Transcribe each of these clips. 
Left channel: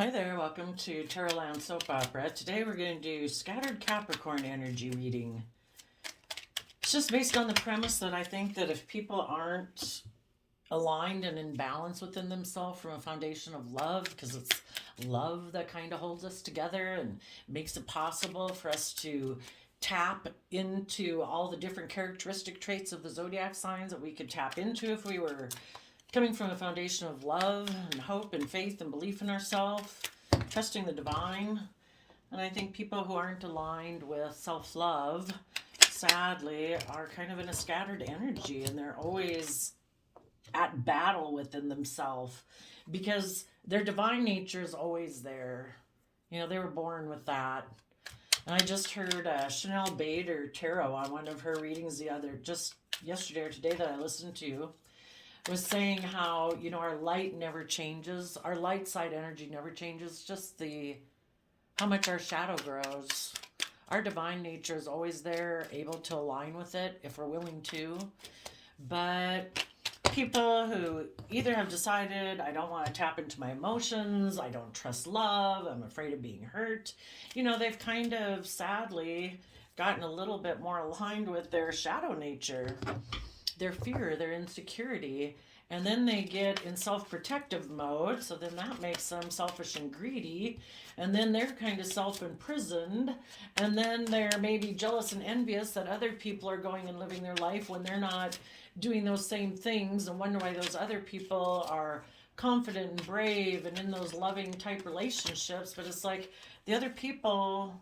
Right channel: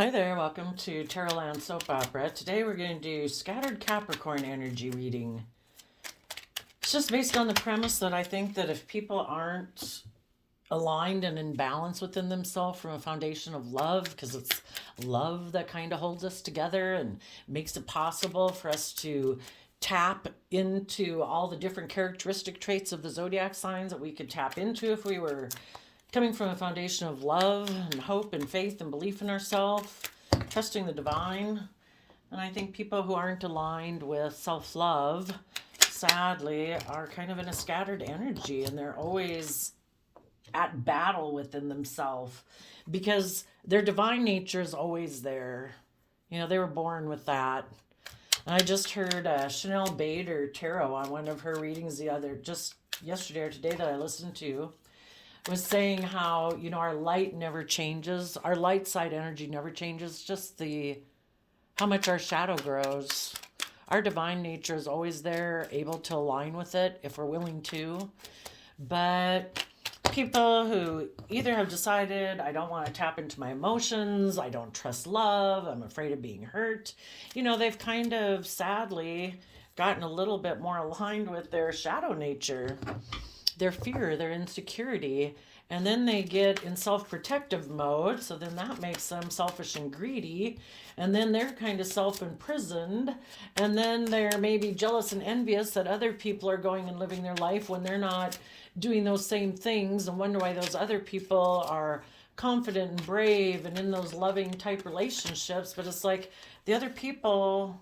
Hi there, welcome to Tarotland Soap Opera. Today we're going to do Scattered Capricorn Energy reading. It's just based on the premise that I think that if people aren't aligned and in balance within themselves from a foundation of love, because it's love that kind of holds us together and makes it possible for us to tap into all the different characteristic traits of the zodiac signs that we could tap into if we were coming from a foundation of love and hope and faith and belief in ourselves, trusting the divine. And I think people who aren't aligned with self-love, sadly, are kind of in a scattered energy, and they're always at battle within themselves because their divine nature is always there. You know, they were born with that. And I just heard Chanel Bader Tarot on one of her readings just yesterday or today that I listened to, was saying how, you know, our light never changes. Our light side energy never changes, just how much our shadow grows. Our divine nature is always there, able to align with it if we're willing to. But people who either have decided, I don't want to tap into my emotions, I don't trust love, I'm afraid of being hurt, you know, they've kind of sadly gotten a little bit more aligned with their shadow nature, their fear, their insecurity, and then they get in self-protective mode, so then that makes them selfish and greedy, and then they're kind of self-imprisoned, and then they're maybe jealous and envious that other people are going and living their life when they're not doing those same things, and wonder why those other people are confident and brave and in those loving type relationships. But it's like the other people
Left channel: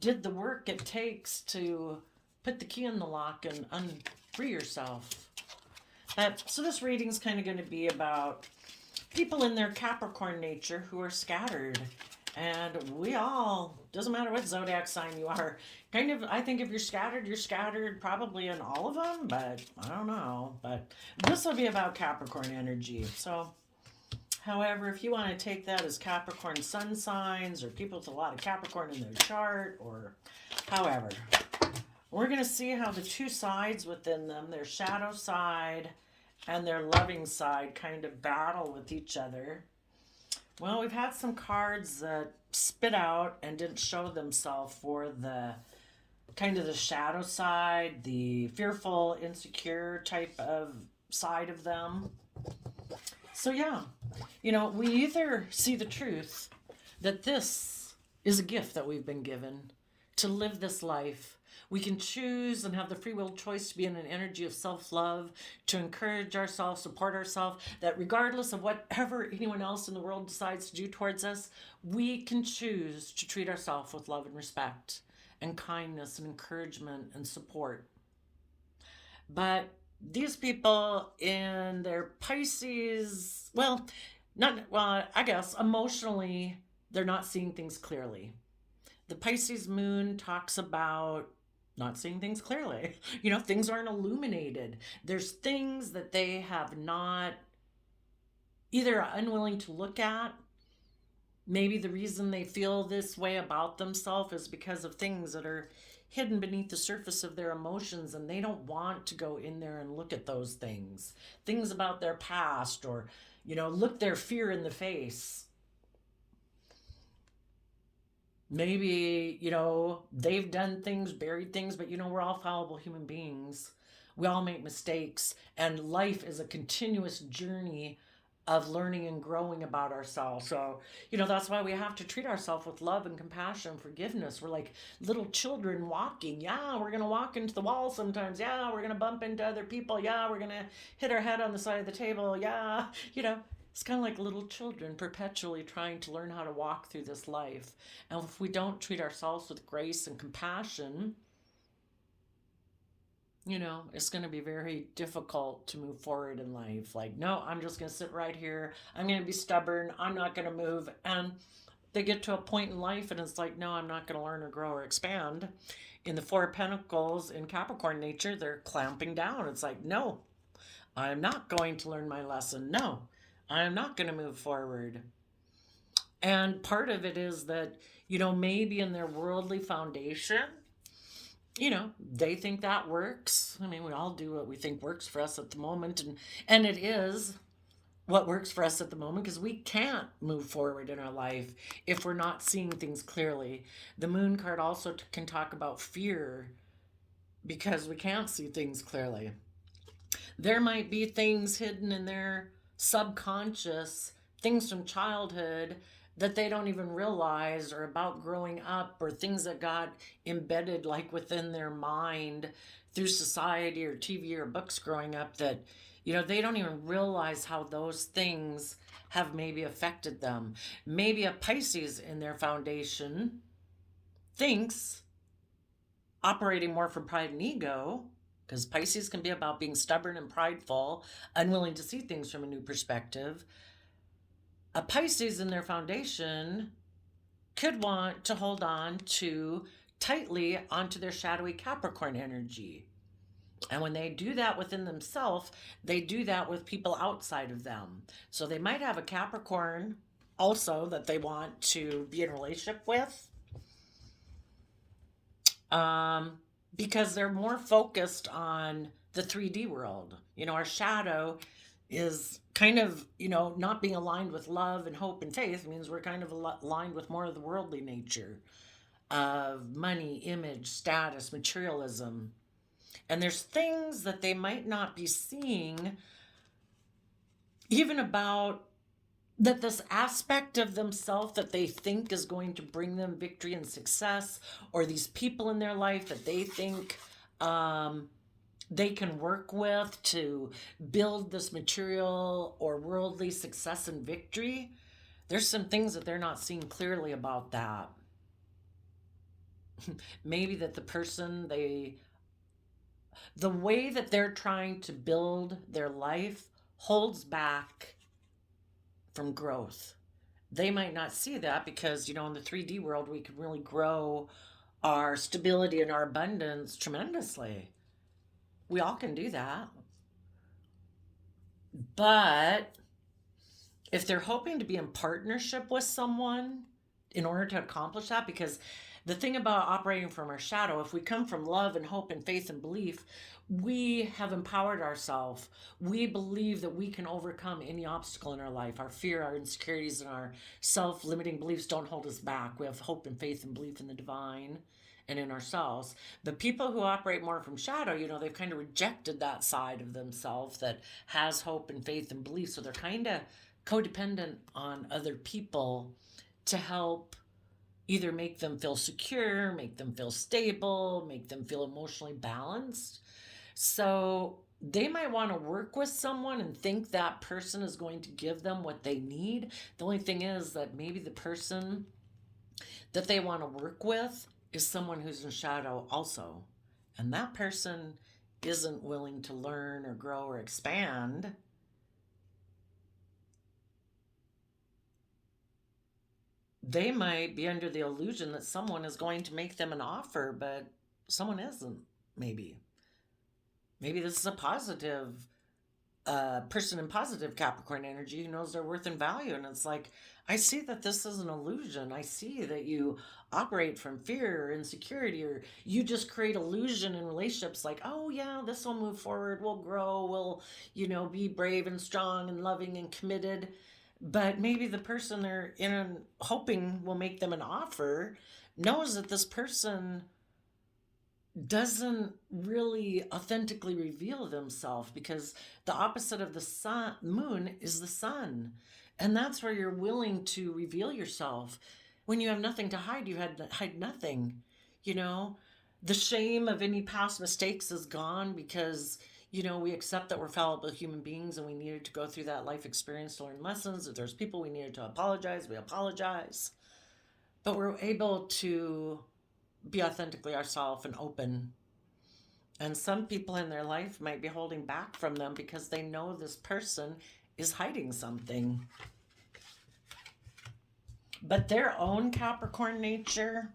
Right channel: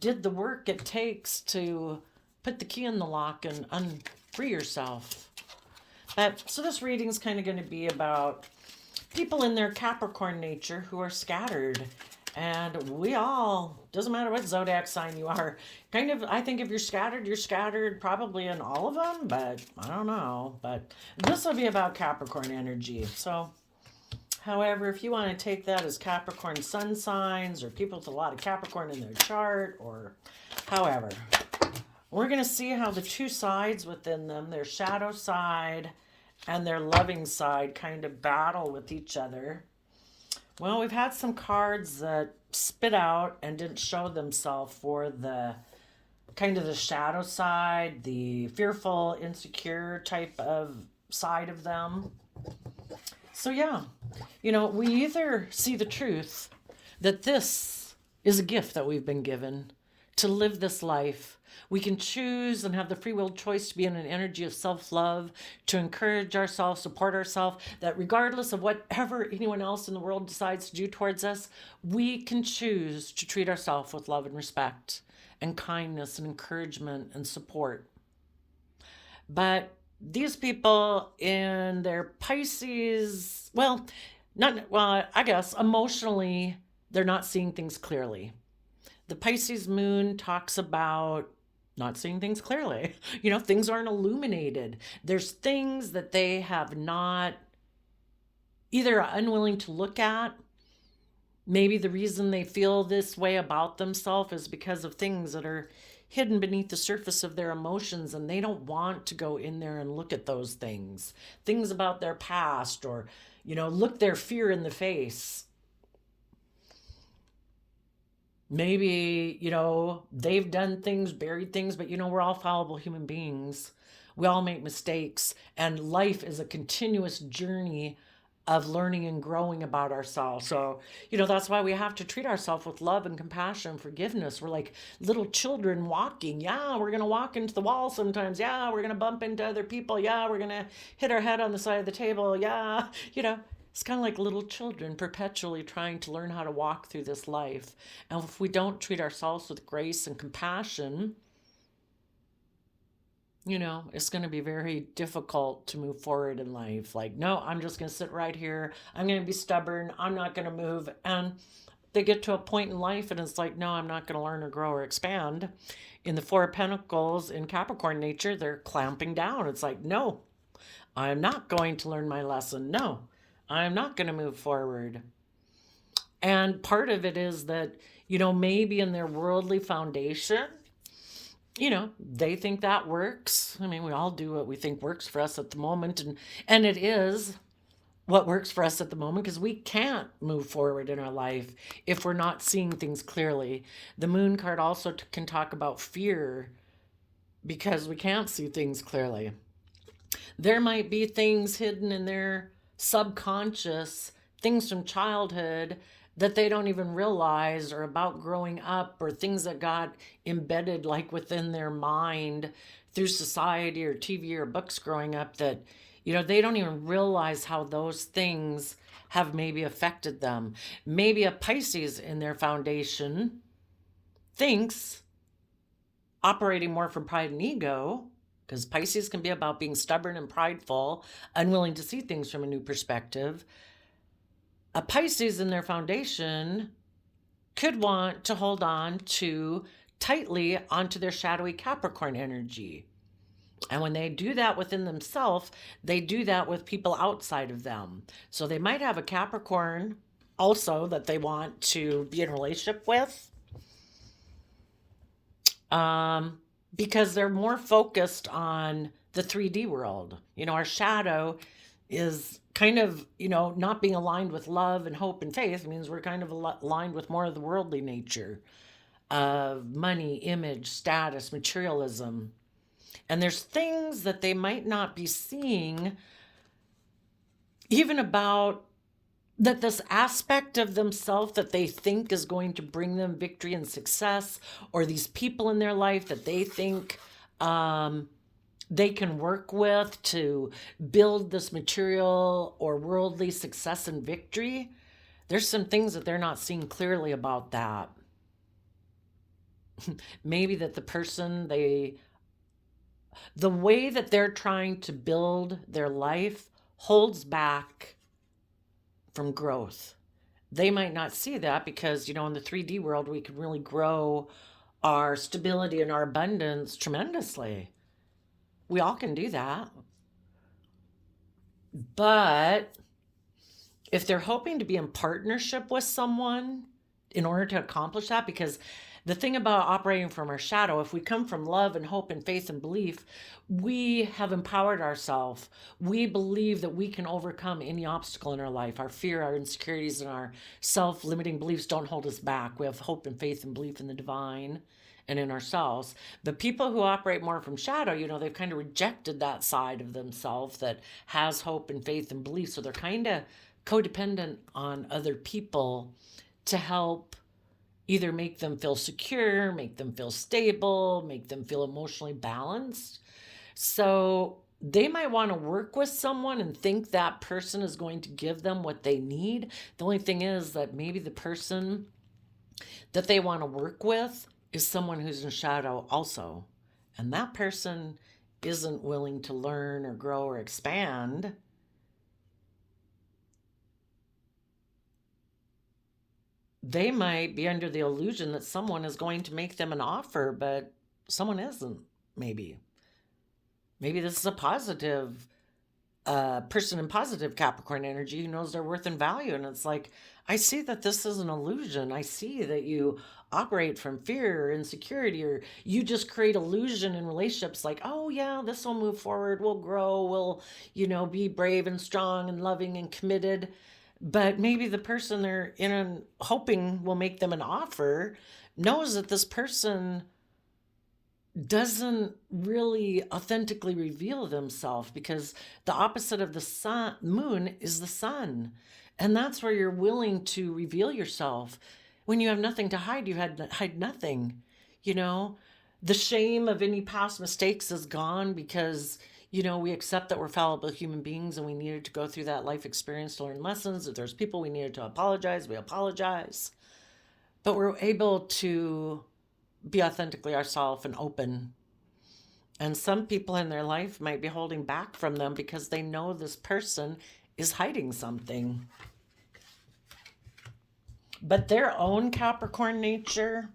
did the work it takes to put the key in the lock and free yourself. So this reading's kind of going to be about people in their Capricorn nature who are scattered. And we all, doesn't matter what zodiac sign you are, kind of, I think if you're scattered probably in all of them, but I don't know. But this will be about Capricorn energy. So, however, if you want to take that as Capricorn sun signs or people with a lot of Capricorn in their chart, or however, we're going to see how the two sides within them, their shadow side and their loving side, kind of battle with each other. Well, we've had some cards that spit out and didn't show themselves for the kind of the shadow side, the fearful, insecure type of side of them. So yeah, you know, we either see the truth that this is a gift that we've been given to live this life. We can choose and have the free will choice to be in an energy of self-love, to encourage ourselves, support ourselves, that regardless of whatever anyone else in the world decides to do towards us, we can choose to treat ourselves with love and respect and kindness and encouragement and support. But these people in their Pisces, I guess emotionally, they're not seeing things clearly. The Pisces moon talks about not seeing things clearly. You know, things aren't illuminated. There's things that they have not, either unwilling to look at. Maybe the reason they feel this way about themselves is because of things that are hidden beneath the surface of their emotions, and they don't want to go in there and look at those things. Things about their past, or, you know, look their fear in the face. Maybe, you know, they've done things, buried things, but, you know, we're all fallible human beings. We all make mistakes, and life is a continuous journey of learning and growing about ourselves. So, you know, that's why we have to treat ourselves with love and compassion and forgiveness. We're like little children walking. Yeah, we're going to walk into the wall sometimes. Yeah, we're going to bump into other people. Yeah, we're going to hit our head on the side of the table. Yeah, you know, it's kind of like little children perpetually trying to learn how to walk through this life. And if we don't treat ourselves with grace and compassion, you know, it's going to be very difficult to move forward in life. Like, no, I'm just going to sit right here. I'm going to be stubborn. I'm not going to move. And they get to a point in life and it's like, no, I'm not going to learn or grow or expand. In the Four of Pentacles in Capricorn nature, they're clamping down. It's like, no, I'm not going to learn my lesson. No, I'm not going to move forward. And part of it is that, you know, maybe in their worldly foundation, you know, they think that works. I mean, we all do what we think works for us at the moment, and it is. what works for us at the moment, because we can't move forward in our life if we're not seeing things clearly. The moon card also can talk about fear because we can't see things clearly. There might be things hidden in their subconscious, things from childhood that they don't even realize, or about growing up, or things that got embedded like within their mind through society or TV or books growing up, that they don't even realize how those things have maybe affected them. Maybe a Pisces in their foundation thinks, operating more from pride and ego, because Pisces can be about being stubborn and prideful, unwilling to see things from a new perspective. A Pisces in their foundation could want to hold on to tightly onto their shadowy Capricorn energy. And when they do that within themselves, they do that with people outside of them. So they might have a Capricorn also that they want to be in a relationship with, because they're more focused on the 3D world. Our shadow is kind of, not being aligned with love and hope and faith. It means we're kind of aligned with more of the worldly nature of money, image, status, materialism. And there's things that they might not be seeing, even about that this aspect of themselves that they think is going to bring them victory and success, or these people in their life that they think they can work with to build this material or worldly success and victory. There's some things that they're not seeing clearly about that. Maybe that the person the way that they're trying to build their life holds back from growth. They might not see that because, in the 3D world, we can really grow our stability and our abundance tremendously. We all can do that. But if they're hoping to be in partnership with someone in order to accomplish that, because the thing about operating from our shadow, if we come from love and hope and faith and belief, we have empowered ourselves. We believe that we can overcome any obstacle in our life. Our fear, our insecurities, and our self-limiting beliefs don't hold us back. We have hope and faith and belief in the divine and in ourselves. The people who operate more from shadow, they've kind of rejected that side of themselves that has hope and faith and belief. So they're kind of codependent on other people to help either make them feel secure, make them feel stable, make them feel emotionally balanced. So they might want to work with someone and think that person is going to give them what they need. The only thing is that maybe the person that they want to work with is someone who's in shadow also. And that person isn't willing to learn or grow or expand. They might be under the illusion that someone is going to make them an offer, but someone isn't, maybe. Maybe this is a positive person in positive Capricorn energy who knows their worth and value. And it's like, I see that this is an illusion. I see that you operate from fear or insecurity, or you just create illusion in relationships like, oh yeah, this will move forward, we'll grow, we'll, be brave and strong and loving and committed. But maybe the person they're hoping will make them an offer knows that this person doesn't really authentically reveal themselves, because the opposite of the moon is the sun. And that's where you're willing to reveal yourself. When you have nothing to hide, you hide nothing. The shame of any past mistakes is gone, because we accept that we're fallible human beings and we needed to go through that life experience to learn lessons. If there's people we needed to apologize, we apologize. But we're able to be authentically ourselves and open. And some people in their life might be holding back from them because they know this person is hiding something. But their own Capricorn nature,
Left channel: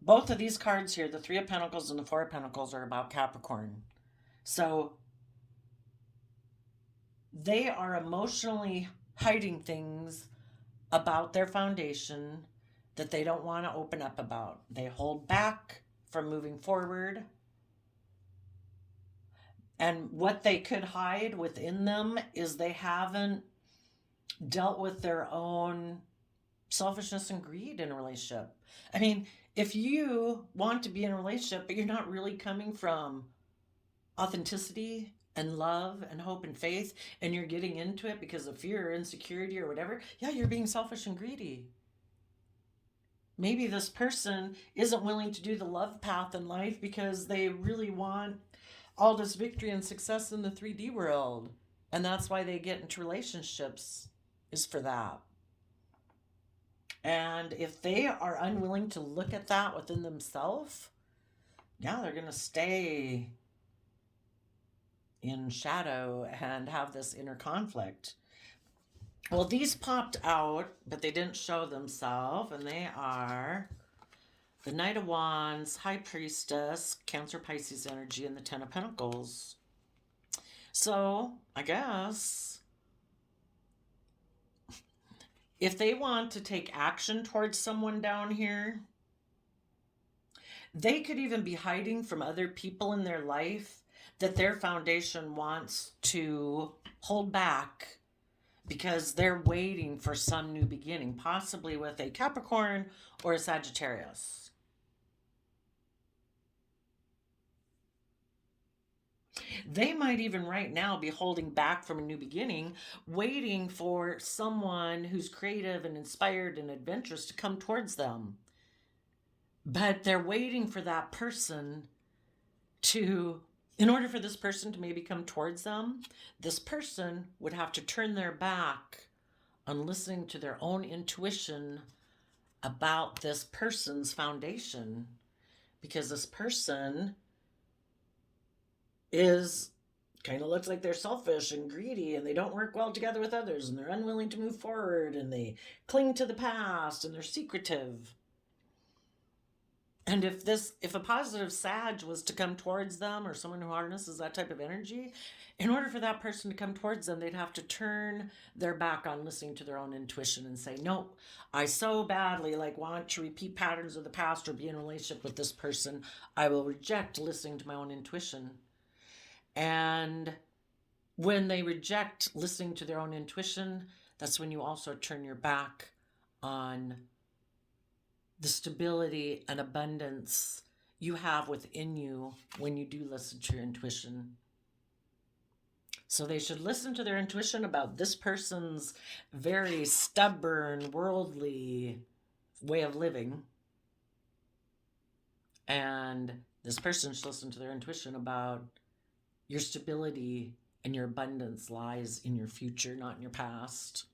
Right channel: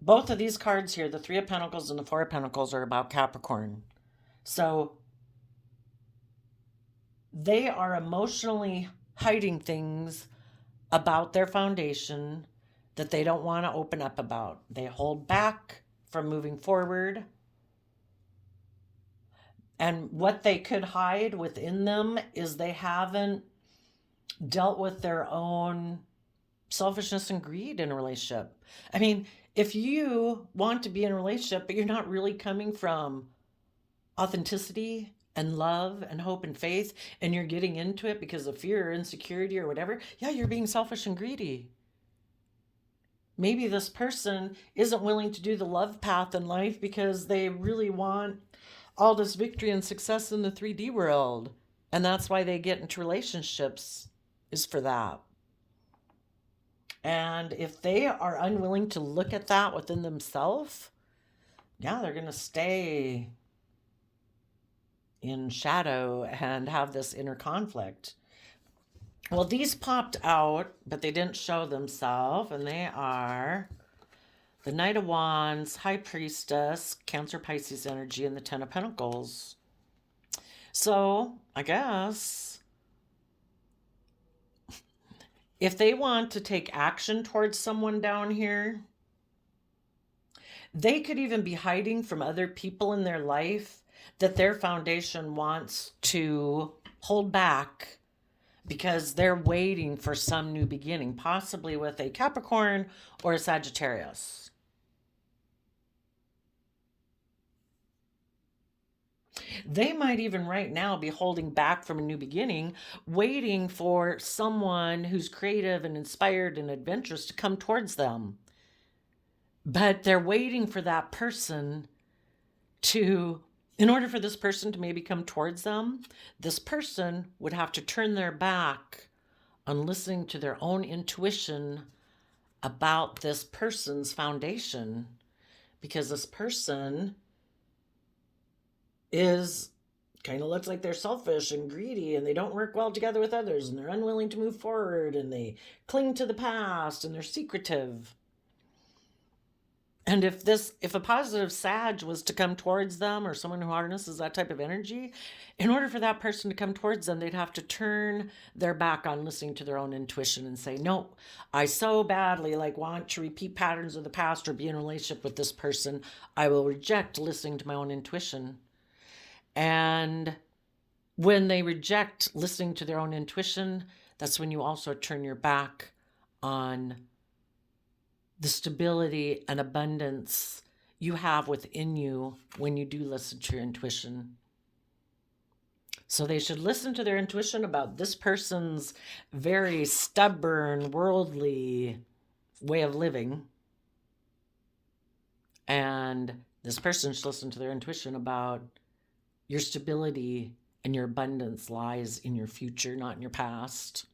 both of these cards here, the Three of Pentacles and the Four of Pentacles, are about Capricorn. So they are emotionally hiding things about their foundation that they don't want to open up about. They hold back from moving forward. And what they could hide within them is they haven't dealt with their own selfishness and greed in a relationship. I mean, if you want to be in a relationship, but you're not really coming from authenticity and love and hope and faith, and you're getting into it because of fear or insecurity or whatever, yeah, you're being selfish and greedy. Maybe this person isn't willing to do the love path in life because they really want all this victory and success in the 3D world. And that's why they get into relationships, is for that. And if they are unwilling to look at that within themselves, yeah, they're going to stay in shadow and have this inner conflict. Well, these popped out, but they didn't show themselves, and they are the Knight of Wands, High Priestess, Cancer, Pisces energy, and the Ten of Pentacles. So, I guess if they want to take action towards someone down here, they could even be hiding from other people in their life that their foundation wants to hold back because they're waiting for some new beginning, possibly with a Capricorn or a Sagittarius. They might even right now be holding back from a new beginning, waiting for someone who's creative and inspired and adventurous to come towards them. But they're waiting for that person to, in order for this person to maybe come towards them, this person would have to turn their back on listening to their own intuition about this person's foundation, because this person is kind of looks like they're selfish and greedy, and they don't work well together with others, and they're unwilling to move forward, and they cling to the past, and they're secretive. And if a positive Sag was to come towards them, or someone who harnesses that type of energy, in order for that person to come towards them, they'd have to turn their back on listening to their own intuition and say, no, I so badly want to repeat patterns of the past or be in a relationship with this person. I will reject listening to my own intuition. And when they reject listening to their own intuition, that's when you also turn your back on the stability and abundance you have within you when you do listen to your intuition. So they should listen to their intuition about this person's very stubborn, worldly way of living. And this person should listen to their intuition about your stability and your abundance lies in your future, not in your past.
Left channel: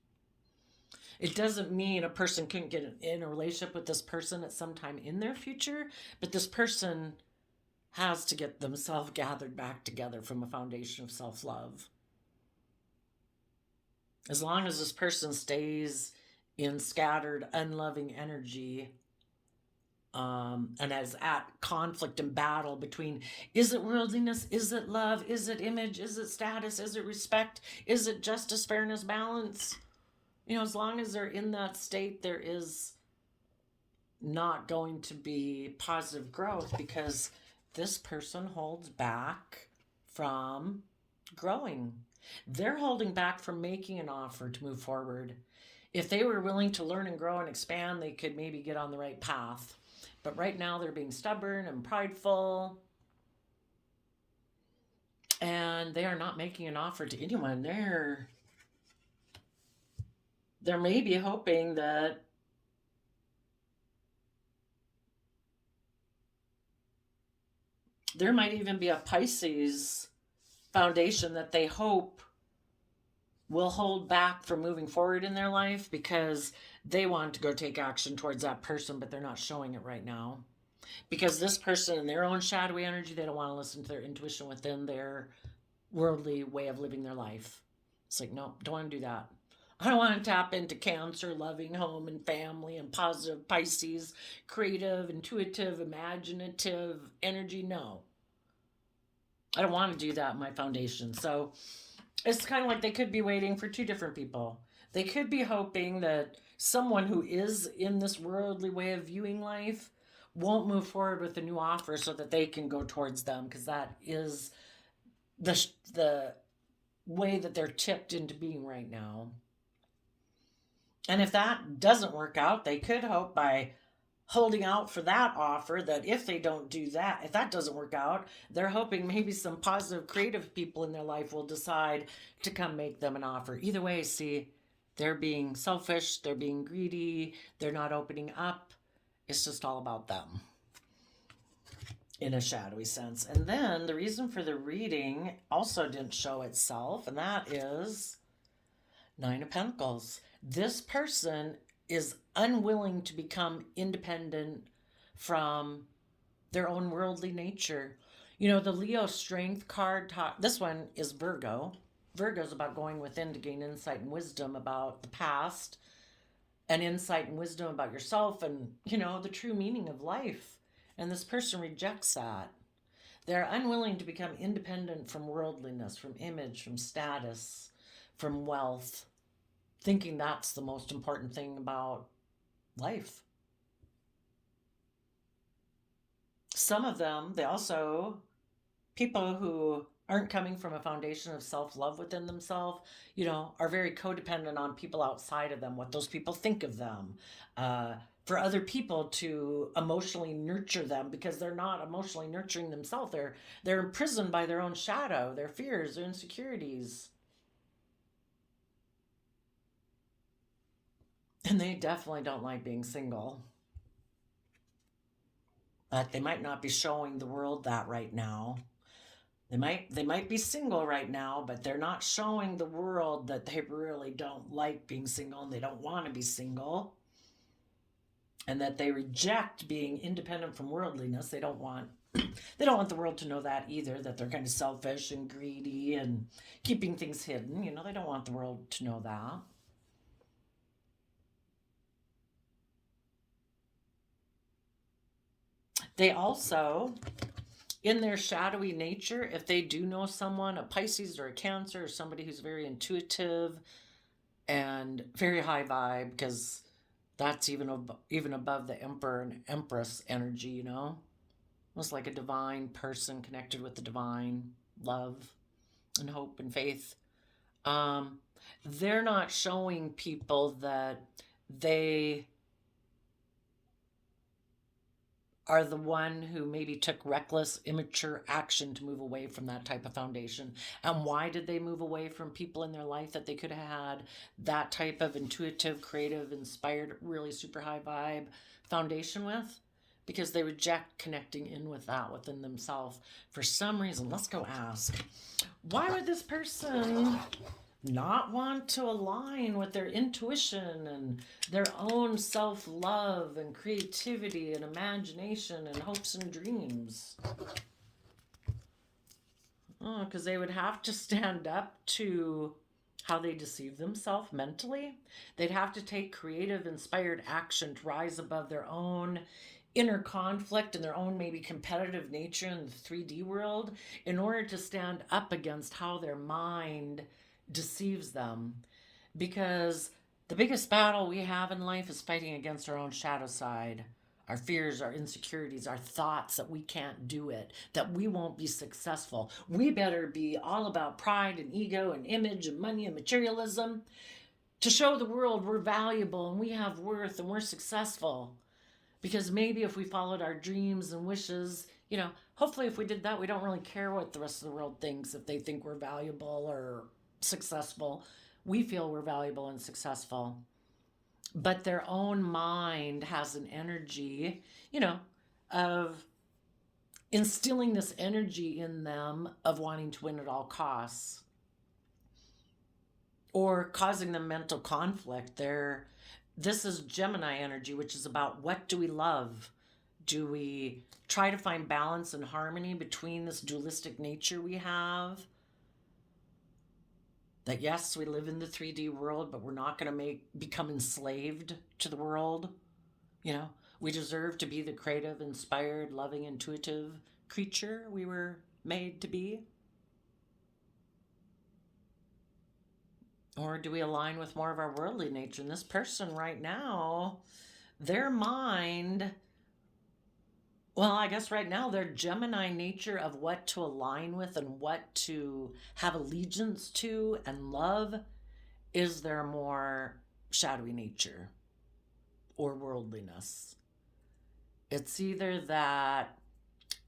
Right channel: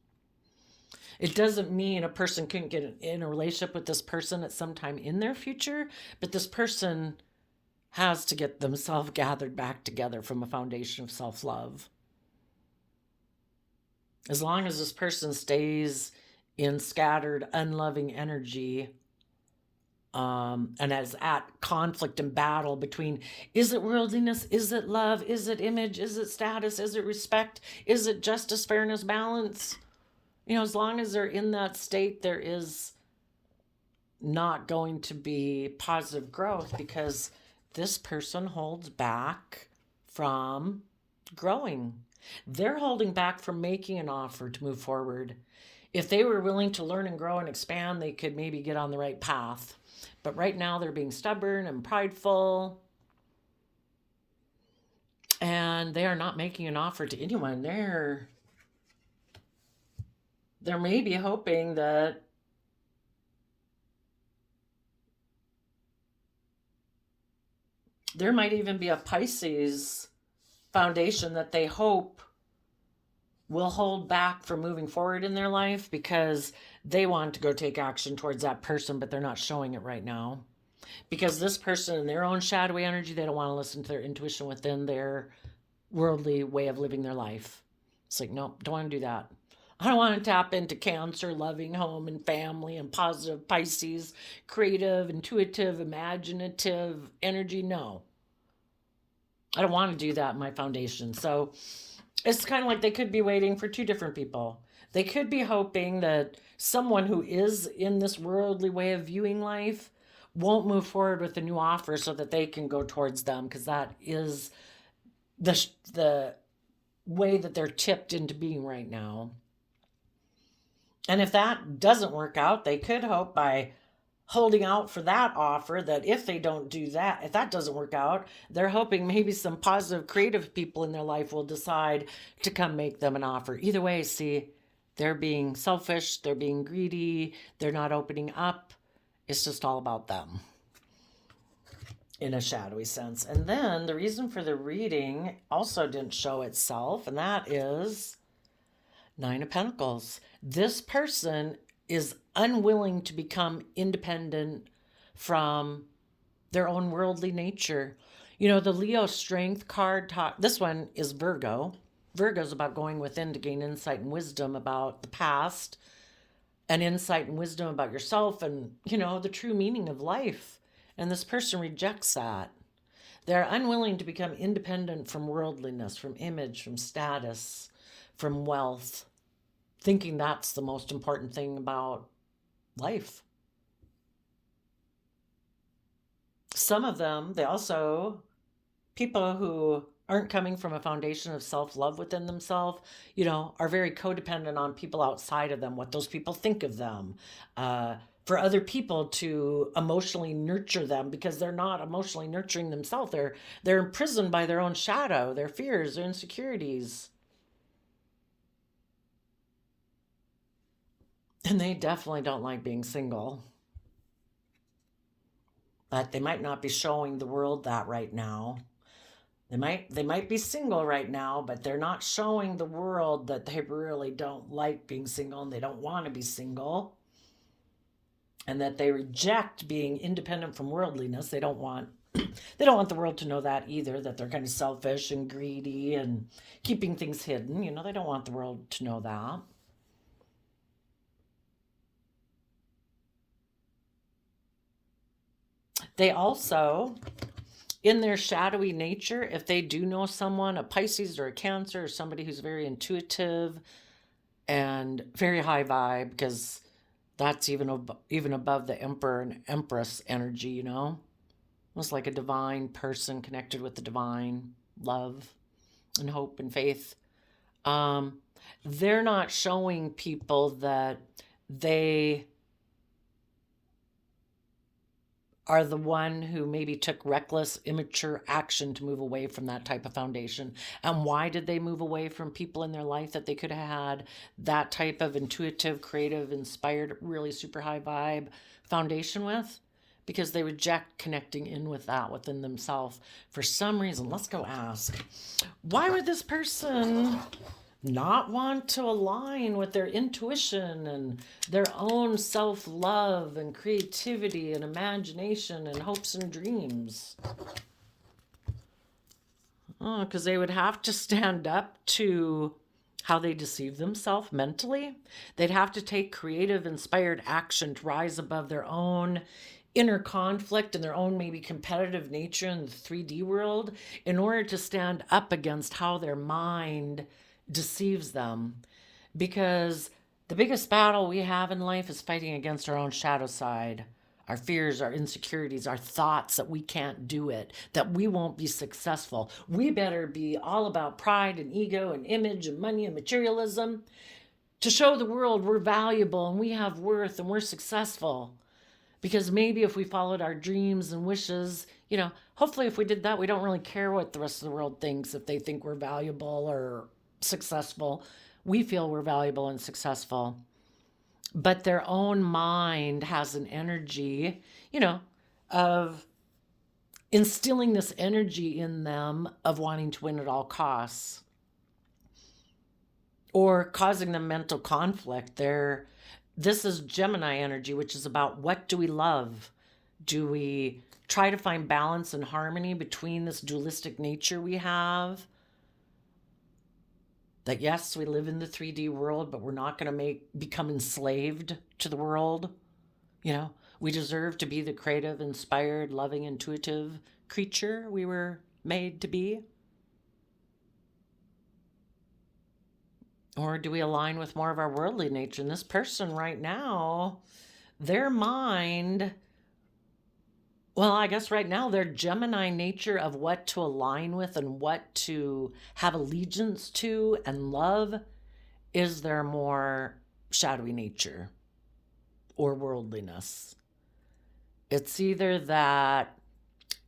It doesn't mean a person couldn't get in a relationship with this person at some time in their future, but this person has to get themselves gathered back together from a foundation of self-love. As long as this person stays in scattered, unloving energy, and is at conflict and battle between, is it worldliness, is it love, is it image, is it status, is it respect, is it justice, fairness, balance? As long as they're in that state, there is not going to be positive growth, because this person holds back from growing. They're holding back from making an offer to move forward. If they were willing to learn and grow and expand, they could maybe get on the right path. But right now they're being stubborn and prideful, and they are not making an offer to anyone. They're maybe hoping that there might even be a Pisces foundation that they hope will hold back from moving forward in their life, because they want to go take action towards that person, but they're not showing it right now. Because this person, in their own shadowy energy, they don't want to listen to their intuition within their worldly way of living their life. It's like, no, don't want to do that. I don't want to tap into Cancer, loving home and family, and positive Pisces, creative, intuitive, imaginative energy. No. I don't want to do that in my foundation. So it's kind of like they could be waiting for two different people. They could be hoping that someone who is in this worldly way of viewing life won't move forward with a new offer so that they can go towards them, because that is the way that they're tipped into being right now. And if that doesn't work out, they could hope by holding out for that offer that if they don't do that, if that doesn't work out, they're hoping maybe some positive creative people in their life will decide to come make them an offer. Either way, see, they're being selfish, they're being greedy, they're not opening up. It's just all about them in a shadowy sense. And then the reason for the reading also didn't show itself, and that is Nine of Pentacles. This person is unwilling to become independent from their own worldly nature. You know, the Leo strength card this one is Virgo. Virgo's about going within to gain insight and wisdom about the past, and insight and wisdom about yourself and, you know, the true meaning of life. And this person rejects that. They're unwilling to become independent from worldliness, from image, from status, from wealth, thinking that's the most important thing about life. Some of them, people who aren't coming from a foundation of self-love within themselves, you know, are very codependent on people outside of them, what those people think of them, for other people to emotionally nurture them, because they're not emotionally nurturing themselves. They're imprisoned by their own shadow, their fears, their insecurities. And they definitely don't like being single. But they might not be showing the world that right now. They might be single right now, but they're not showing the world that they really don't like being single and they don't want to be single. And that they reject being independent from worldliness. They don't want the world to know that either, that they're kind of selfish and greedy and keeping things hidden. You know, they don't want the world to know that. They also, in their shadowy nature, if they do know someone, a Pisces or a Cancer, or somebody who's very intuitive and very high vibe, because that's even above the Emperor and Empress energy, you know? Almost like a divine person connected with the divine, love and hope and faith. They're not showing people that they are the one who maybe took reckless, immature action to move away from that type of foundation. And why did they move away from people in their life that they could have had that type of intuitive, creative, inspired, really super high vibe foundation with? Because they reject connecting in with that within themselves for some reason. Let's go ask. Why would this person not want to align with their intuition and their own self-love and creativity and imagination and hopes and dreams? Oh, because they would have to stand up to how they deceive themselves mentally. They'd have to take creative, inspired action to rise above their own inner conflict and their own maybe competitive nature in the 3D world in order to stand up against how their mind deceives them. Because the biggest battle we have in life is fighting against our own shadow side, our fears, our insecurities, our thoughts that we can't do it, that we won't be successful. We better be all about pride and ego and image and money and materialism to show the world we're valuable and we have worth and we're successful. Because maybe if we followed our dreams and wishes, you know, hopefully if we did that, we don't really care what the rest of the world thinks, if they think we're valuable or successful. We feel we're valuable and successful. But their own mind has an energy, you know, of instilling this energy in them of wanting to win at all costs or causing them mental conflict. This is Gemini energy, which is about what do we love? Do we try to find balance and harmony between this dualistic nature we have? That yes, we live in the 3D world, but we're not going to become enslaved to the world. You know, we deserve to be the creative, inspired, loving, intuitive creature we were made to be. Or do we align with more of our worldly nature? And this person right now, their mind Well, I guess right now their Gemini nature of what to align with and what to have allegiance to and love is their more shadowy nature or worldliness. It's either that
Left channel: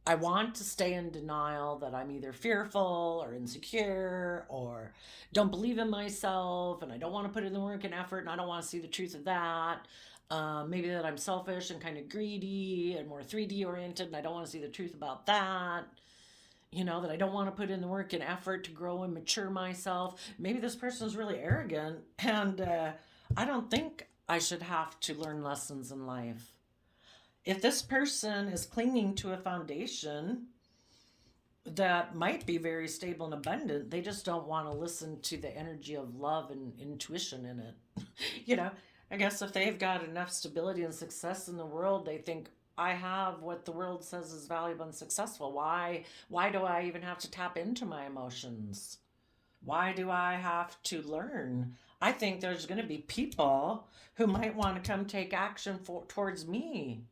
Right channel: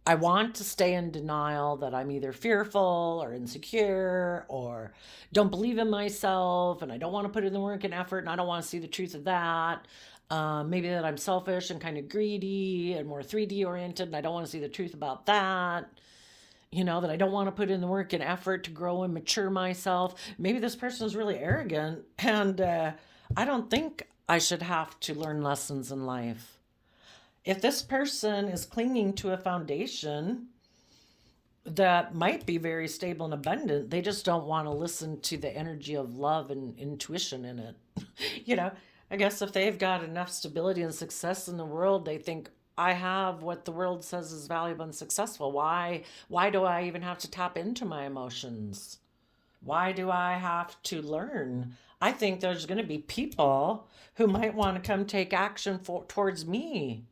I want to stay in denial, that I'm either fearful or insecure or don't believe in myself and I don't want to put in the work and effort and I don't want to see the truth of that. Maybe that I'm selfish and kind of greedy and more 3D oriented and I don't want to see the truth about that. You know, that I don't want to put in the work and effort to grow and mature myself. Maybe this person is really arrogant and I don't think I should have to learn lessons in life. If this person is clinging to a foundation that might be very stable and abundant, they just don't want to listen to the energy of love and intuition in it. You know, I guess if they've got enough stability and success in the world, they think, I have what the world says is valuable and successful. Why do I even have to tap into my emotions? Why do I have to learn? I think there's going to be people who might want to come take action towards me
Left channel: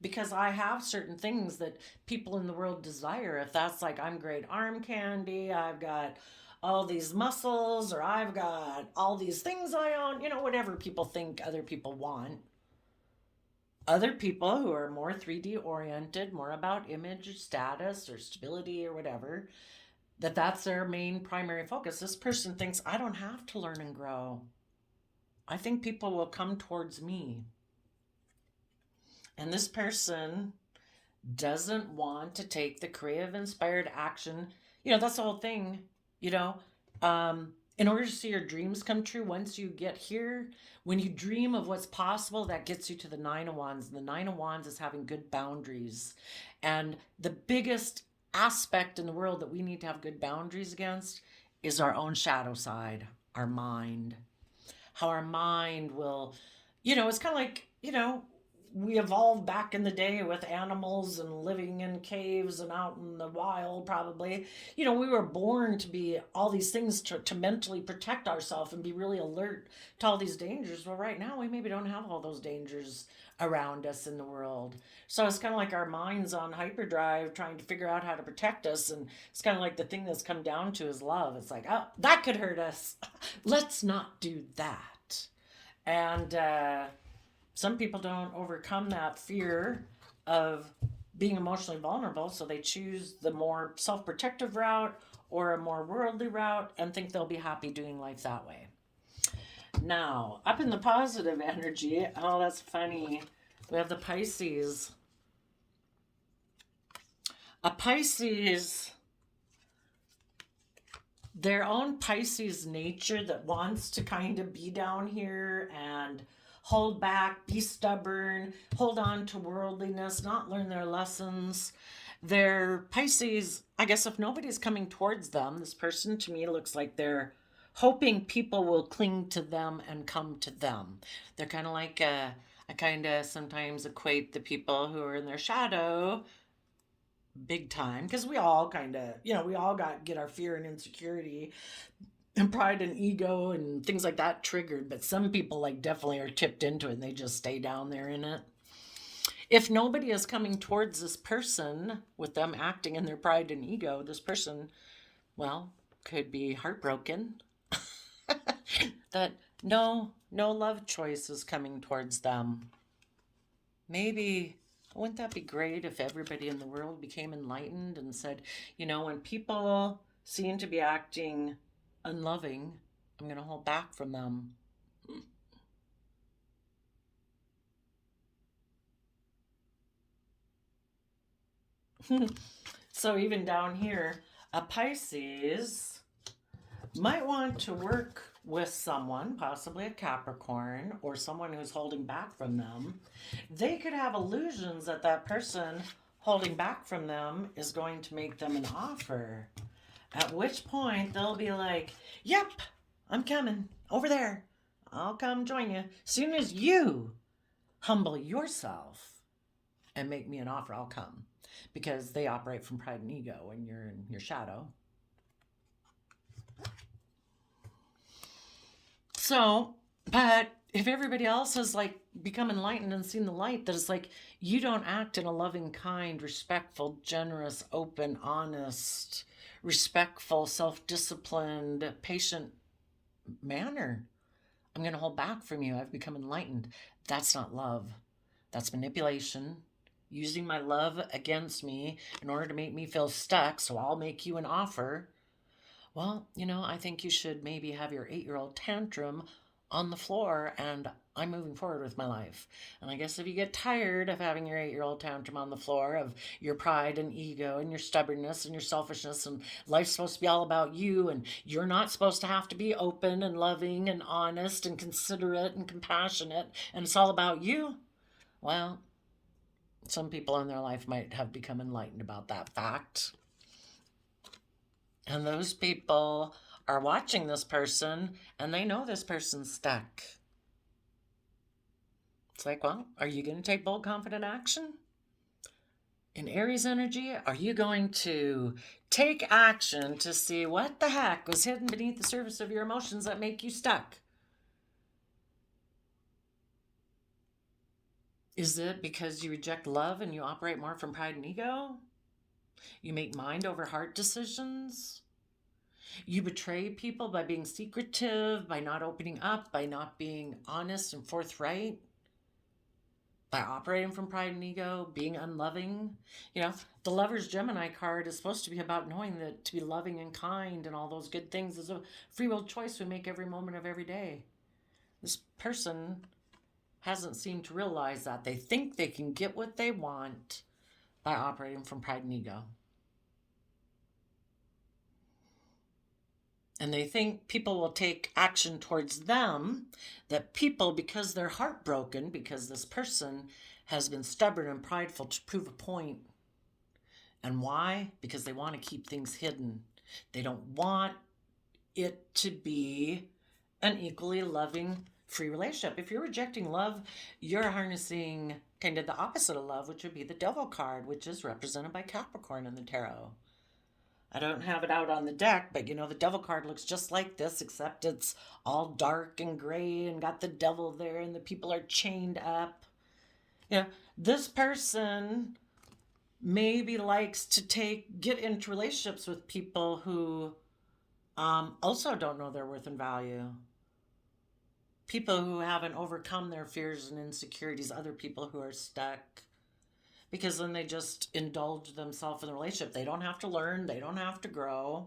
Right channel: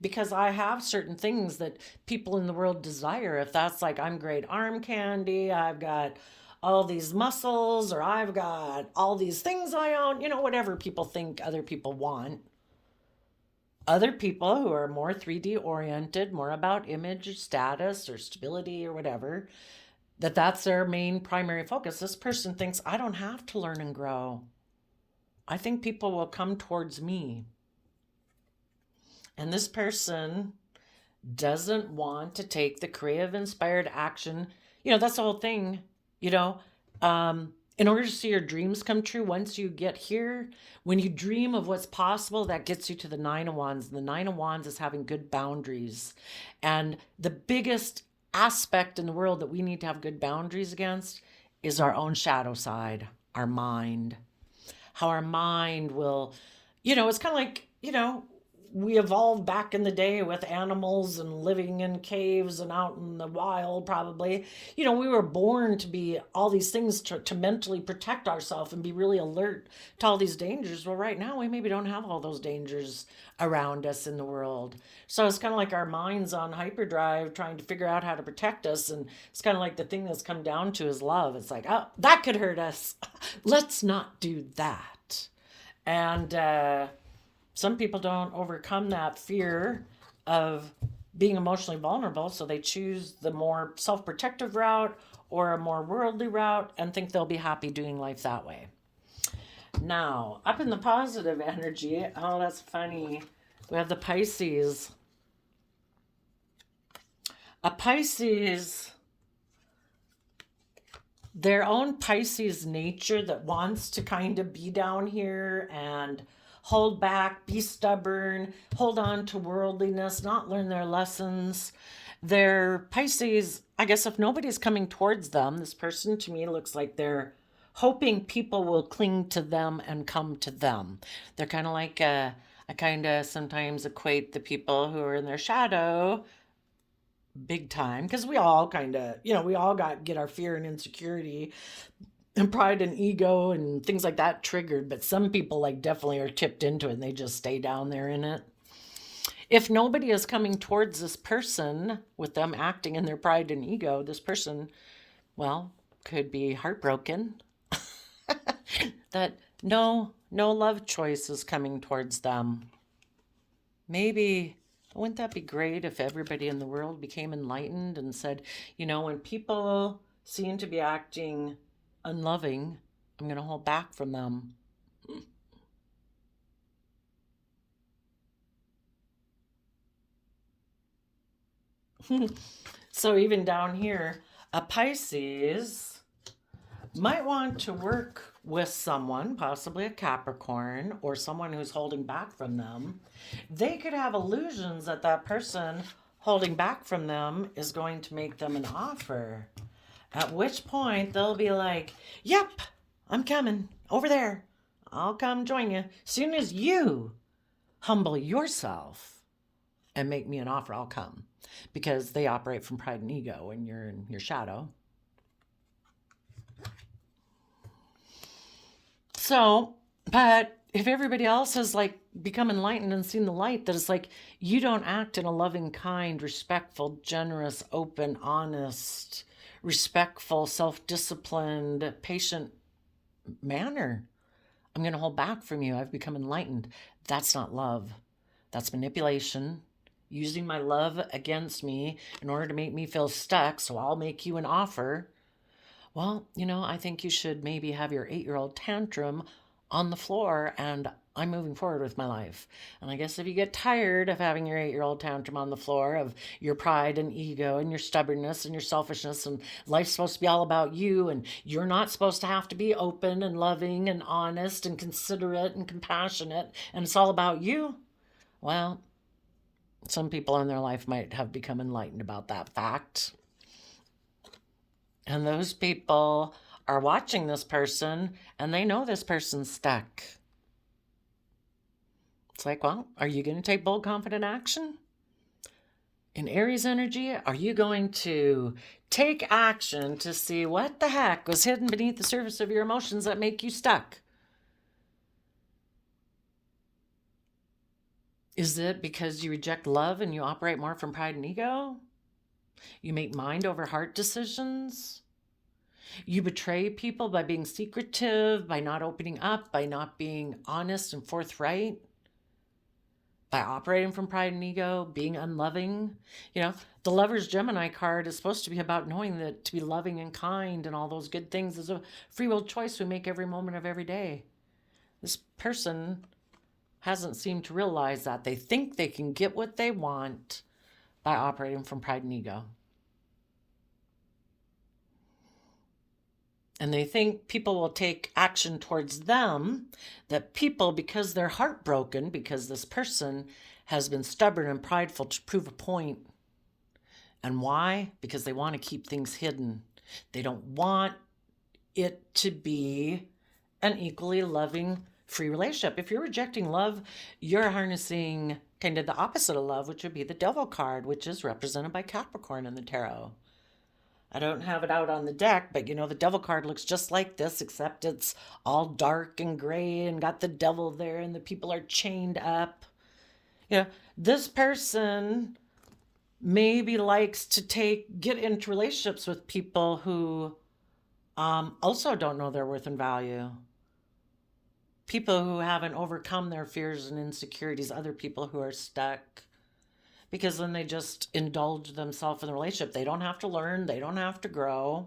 because I have certain things that people in the world desire. If that's like, I'm great arm candy, I've got all these muscles, or I've got all these things I own, you know, whatever people think other people want. Other people who are more 3D oriented, more about image or status or stability or whatever, that's their main primary focus. This person thinks, I don't have to learn and grow. I think people will come towards me. And this person doesn't want to take the creative, inspired action. You know, that's the whole thing, you know. In order to see your dreams come true, once you get here, when you dream of what's possible, that gets you to the Nine of Wands. And the Nine of Wands is having good boundaries. And the biggest aspect in the world that we need to have good boundaries against is our own shadow side, our mind. How our mind will, you know, it's kind of like, you know, we evolved back in the day with animals and living in caves and out in the wild, probably. You know, we were born to be all these things to mentally protect ourselves and be really alert to all these dangers. Well, right now, we maybe don't have all those dangers around us in the world. So it's kind of like our mind's on hyperdrive trying to figure out how to protect us. And it's kind of like the thing that's come down to is love. It's like, oh, that could hurt us. Let's not do that. And, some people don't overcome that fear of being emotionally vulnerable, so they choose the more self-protective route or a more worldly route and think they'll be happy doing life that way. Now, up in the positive energy, oh, that's funny. We have the Pisces. A Pisces, their own Pisces nature that wants to kind of be down here and hold back, be stubborn, hold on to worldliness, not learn their lessons. Their Pisces, I guess if nobody's coming towards them, this person to me looks like they're hoping people will cling to them and come to them. They're kind of like, I kind of sometimes equate the people who are in their shadow big time, because we all kind of, you know, we all get our fear and insecurity and pride and ego and things like that triggered, but some people like definitely are tipped into it and they just stay down there in it. If nobody is coming towards this person with them acting in their pride and ego, this person, well, could be heartbroken that no love choice is coming towards them. Maybe, wouldn't that be great if everybody in the world became enlightened and said, you know, when people seem to be acting unloving, I'm going to hold back from them. So even down here, a Pisces might want to work with someone, possibly a Capricorn or someone who's holding back from them. They could have illusions that that person holding back from them is going to make them an offer. At which point they'll be like, yep, I'm coming over there. I'll come join you. As soon as you humble yourself and make me an offer, I'll come. Because they operate from pride and ego when you're in your shadow. So, but if everybody else has like become enlightened and seen the light, that it's like you don't act in a loving, kind, respectful, generous, open, honest, respectful, self-disciplined, patient manner, I'm going to hold back from you. I've become enlightened. That's not love. That's manipulation, using my love against me in order to make me feel stuck. So I'll make you an offer. Well, I think you should maybe have your 8-year-old tantrum on the floor, and I'm moving forward with my life. And I guess if you get tired of having your 8-year-old tantrum on the floor, of your pride and ego and your stubbornness and your selfishness, and life's supposed to be all about you, and you're not supposed to have to be open and loving and honest and considerate and compassionate, and it's all about you, well, some people in their life might have become enlightened about that fact. And those people are watching this person and they know this person's stuck. It's like, well, are you going to take bold, confident action? In Aries energy, are you going to take action to see what the heck was hidden beneath the surface of your emotions that make you stuck? Is it because you reject love and you operate more from pride and ego? You make mind over heart decisions? You betray people by being secretive, by not opening up, by not being honest and forthright, by operating from pride and ego, being unloving. The Lover's Gemini card is supposed to be about knowing that to be loving and kind and all those good things is a free will choice we make every moment of every day. This person hasn't seemed to realize that. They think they can get what they want by operating from pride and ego. And they think people will take action towards them, that people, because they're heartbroken, because this person has been stubborn and prideful to prove a point. And why? Because they want to keep things hidden. They don't want it to be an equally loving, free relationship. If you're rejecting love, you're harnessing kind of the opposite of love, which would be the Devil card, which is represented by Capricorn in the tarot. I don't have it out on the deck, but the Devil card looks just like this, except it's all dark and gray and got the devil there and the people are chained up. This person maybe likes to get into relationships with people who also don't know their worth and value. People who haven't overcome their fears and insecurities, other people who are stuck. Because then they just indulge themselves in the relationship. They don't have to learn. They don't have to grow.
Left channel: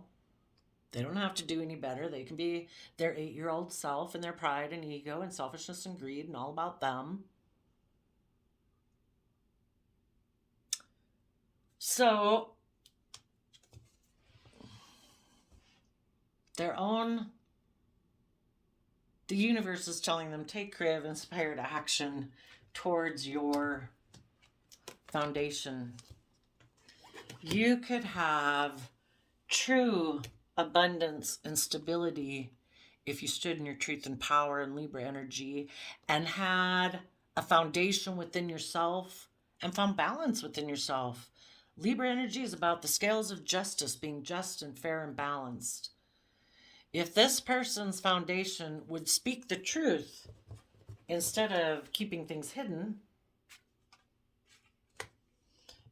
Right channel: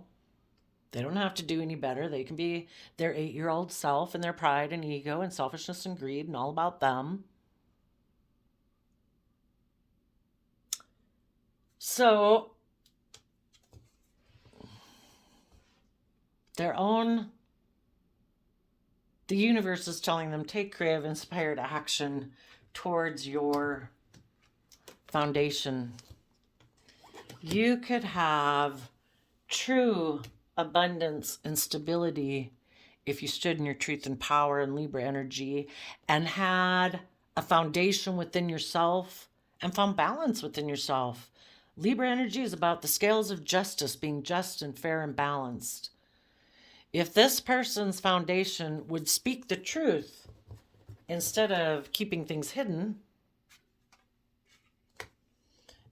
They don't have to do any better. They can be their 8-year-old self and their pride and ego and selfishness and greed and all about them. So the universe is telling them, take creative, inspired action towards your foundation. You could have true abundance and stability if you stood in your truth and power and Libra energy and had a foundation within yourself and found balance within yourself. Libra energy is about the scales of justice, being just and fair and balanced. If this person's foundation would speak the truth instead of keeping things hidden,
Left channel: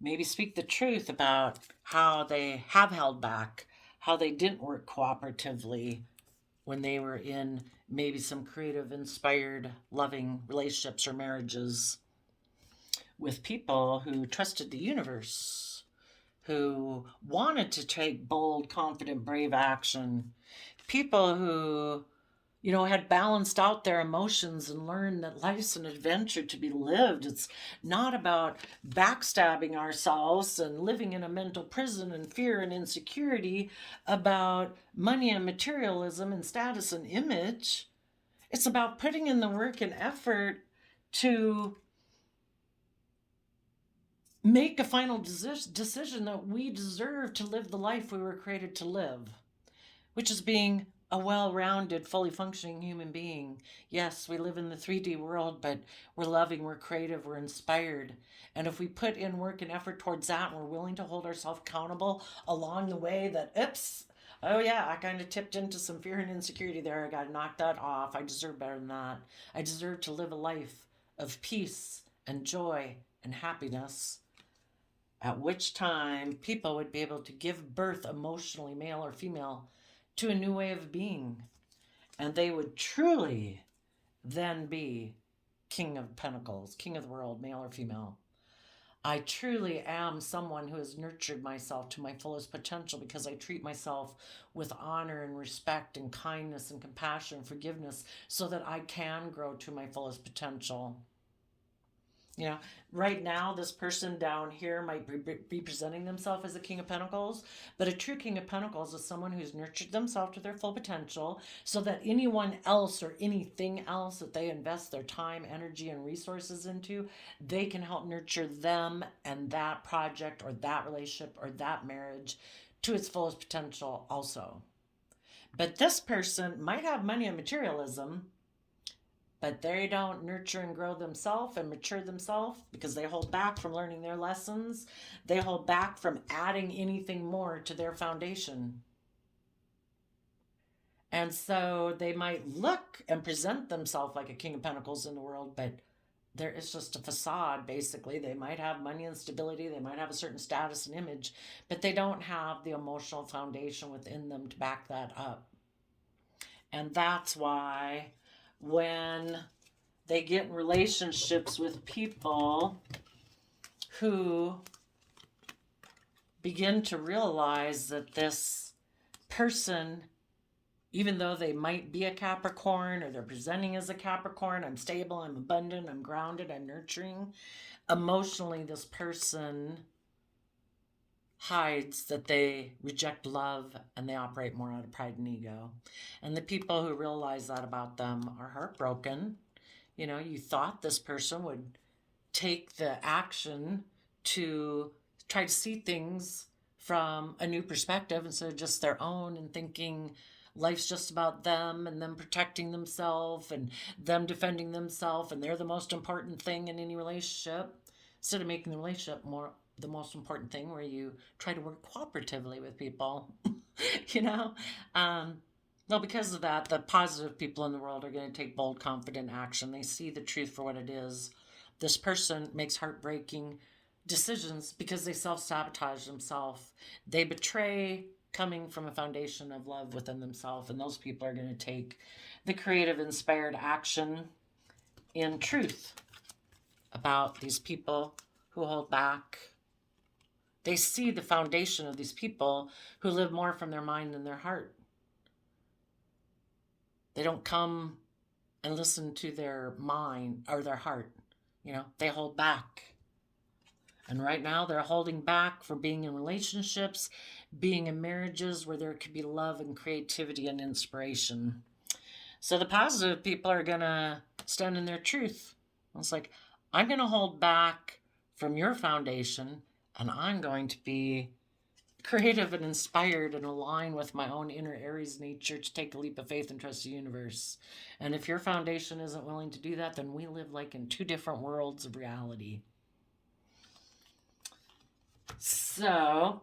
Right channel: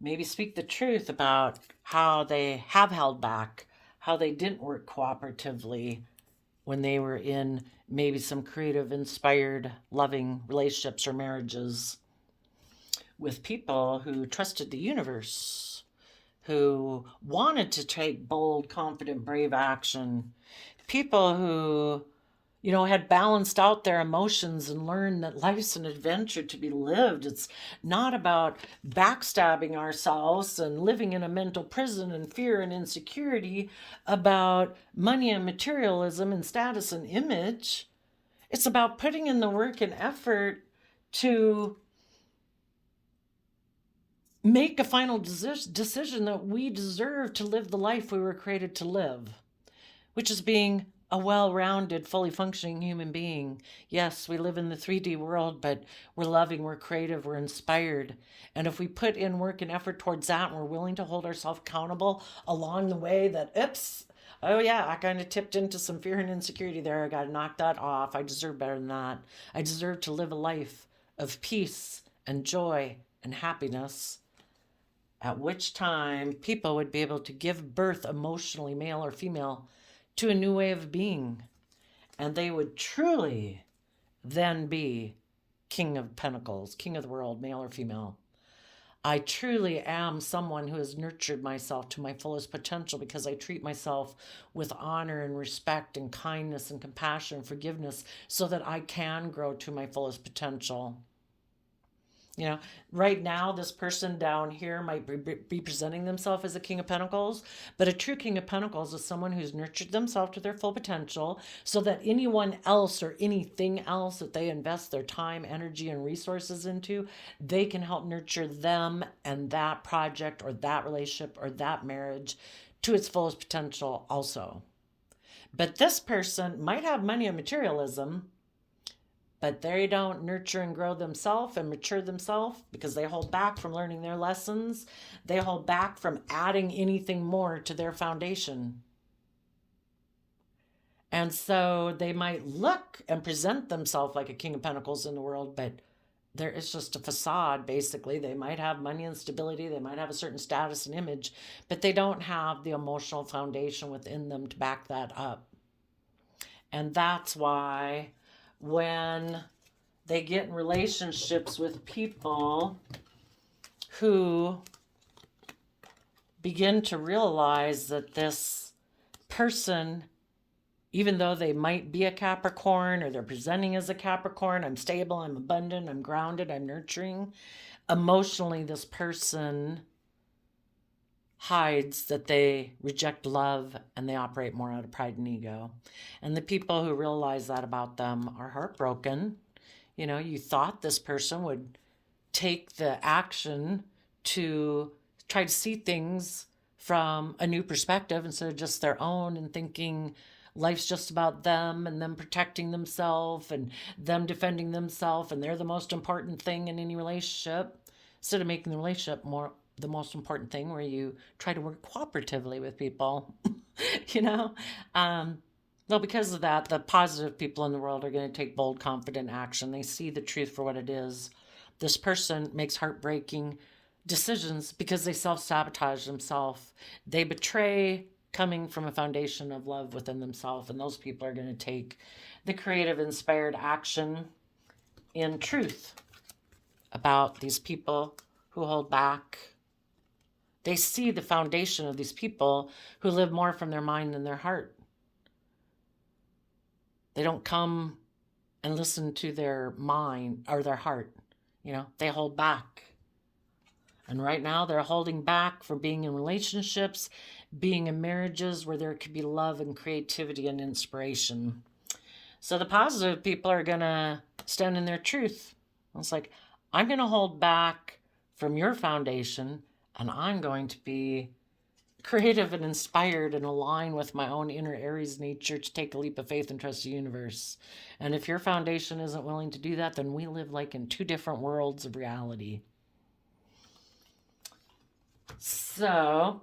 maybe speak the truth about how they have held back, how they didn't work cooperatively when they were in maybe some creative, inspired, loving relationships or marriages with people who trusted the universe, who wanted to take bold, confident, brave action, people who had balanced out their emotions and learned that life's an adventure to be lived. It's not about backstabbing ourselves and living in a mental prison and fear and insecurity about money and materialism and status and image. It's about putting in the work and effort to make a final decision that we deserve to live the life we were created to live, which is being a well-rounded, fully functioning human being. Yes, we live in the 3D world, but we're loving, we're creative, we're inspired. And if we put in work and effort towards that, and we're willing to hold ourselves accountable along the way that, oops, Oh, yeah, I kind of tipped into some fear and insecurity there. I got to knock that off. I deserve better than that. I deserve to live a life of peace and joy and happiness, at which time people would be able to give birth emotionally, male or female, to a new way of being. And they would truly then be King of Pentacles, King of the world, male or female. I truly am someone who has nurtured myself to my fullest potential because I treat myself with honor and respect and kindness and compassion and forgiveness so that I can grow to my fullest potential. You know, right now, this person down here might be presenting themselves as a King of Pentacles, but a true King of Pentacles is someone who's nurtured themselves to their full potential so that anyone else or anything else that they invest their time, energy, and resources into, they can help nurture them and that project or that relationship or that marriage to its fullest potential also. But this person might have money and materialism, but they don't nurture and grow themselves and mature themselves because they hold back from learning their lessons. They hold back from adding anything more to their foundation. And so they might look and present themselves like a King of Pentacles in the world, but there is just a facade, basically. They might have money and stability, they might have a certain status and image, but they don't have the emotional foundation within them to back that up. And that's why when they get in relationships with people who begin to realize that this person, even though they might be a Capricorn or they're presenting as a Capricorn, I'm stable, I'm abundant, I'm grounded, I'm nurturing, emotionally this person hides that they reject love and they operate more out of pride and ego. And the people who realize that about them are heartbroken. You know, you thought this person would take the action to try to see things from a new perspective instead of just their own, and thinking life's just about them and them protecting themselves and them defending themselves and they're the most important thing in any relationship, instead of making the relationship more the most important thing, where you try to work cooperatively with people. you know well, because of that, the positive people in the world are going to take bold, confident action. They see the truth for what it is. This person makes heartbreaking decisions because they self-sabotage themselves. They betray coming from a foundation of love within themselves, and those people are going to take the creative, inspired action in truth about these people who hold back. They see the foundation of these people who live more from their mind than their heart. They don't come and listen to their mind or their heart. You know, they hold back. And right now they're holding back for being in relationships, being in marriages where there could be love and creativity and inspiration. So the positive people are going to stand in their truth. It's like, I'm going to hold back from your foundation, and I'm going to be creative and inspired and align with my own inner Aries nature to take a leap of faith and trust the universe. And if your foundation isn't willing to do that, then we live like in two different worlds of reality. So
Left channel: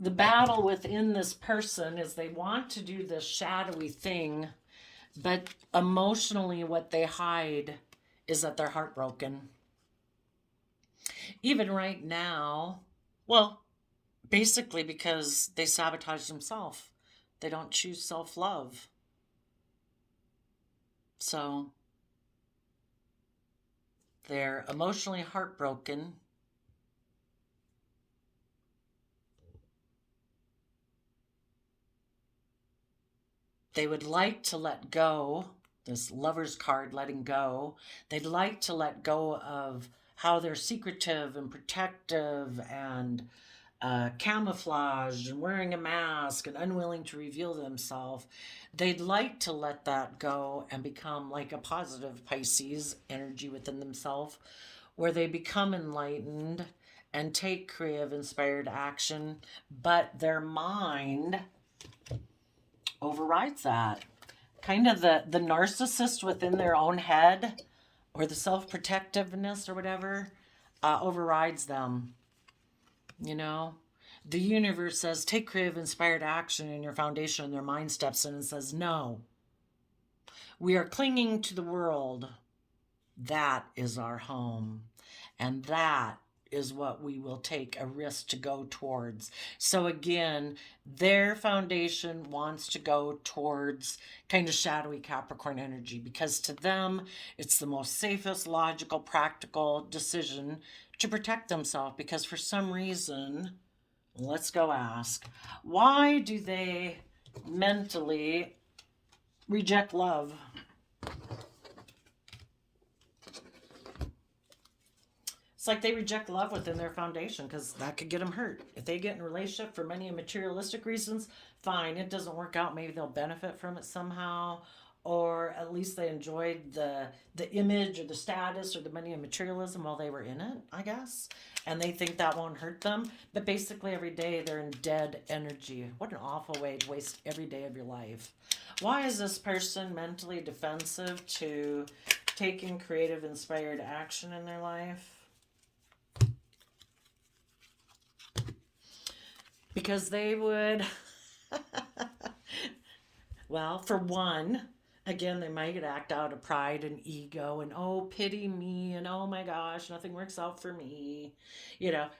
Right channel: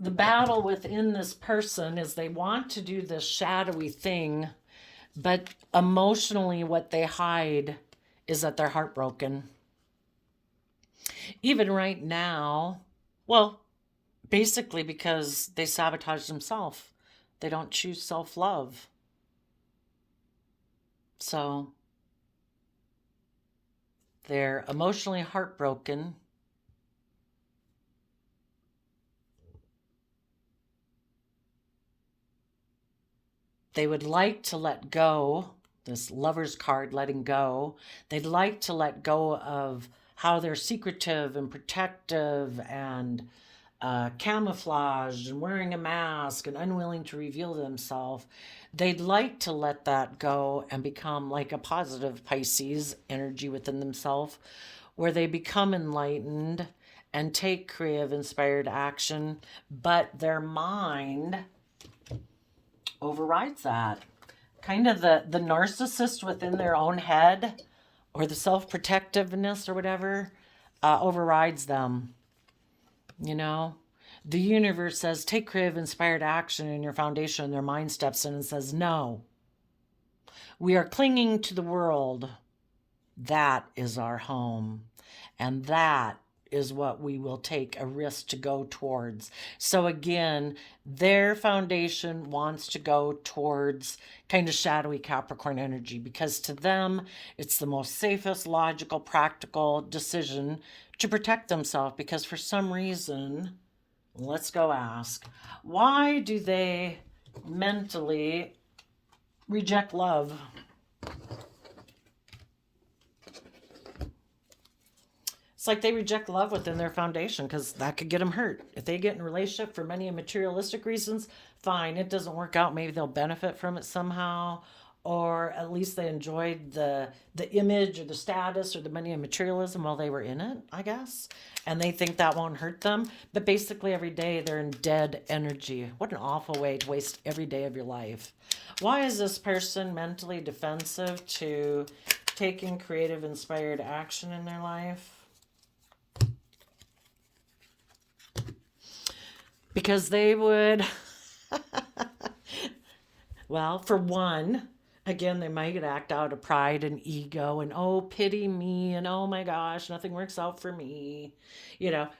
the battle within this person is they want to do this shadowy thing, but emotionally what they hide is that they're heartbroken. Even right now, well, basically because they sabotage themselves. They don't choose self-love. So they're emotionally heartbroken. They would like to let go, this Lover's card, letting go. They'd like to let go of how they're secretive and protective and camouflaged and wearing a mask and unwilling to reveal themselves. They'd like to let that go and become like a positive Pisces energy within themselves, where they become enlightened and take creative, inspired action, but their mind overrides that. Kind of the narcissist within their own head, or the self-protectiveness or whatever, overrides them. You know, The universe says, take creative, inspired action in your foundation, and their mind steps in and says, no. We are clinging to the world. That is our home. And that is what we will take a risk to go towards. So again, their foundation wants to go towards kind of shadowy Capricorn energy, because to them, it's the most safest, logical, practical decision to protect themselves. Because for some reason, let's go ask, why do they mentally reject love? It's like they reject love within their foundation because that could get them hurt. If they get in a relationship for money and materialistic reasons, fine, it doesn't work out. Maybe they'll benefit from it somehow, or at least they enjoyed the image or the status or the money and materialism while they were in it, I guess. And they think that won't hurt them. But basically every day they're in dead energy. What an awful way to waste every day of your life. Why is this person mentally defensive to taking creative, inspired action in their life? Because they would, well, for one, again, they might act out of pride and ego and, oh, pity me, and oh my gosh, nothing works out for me.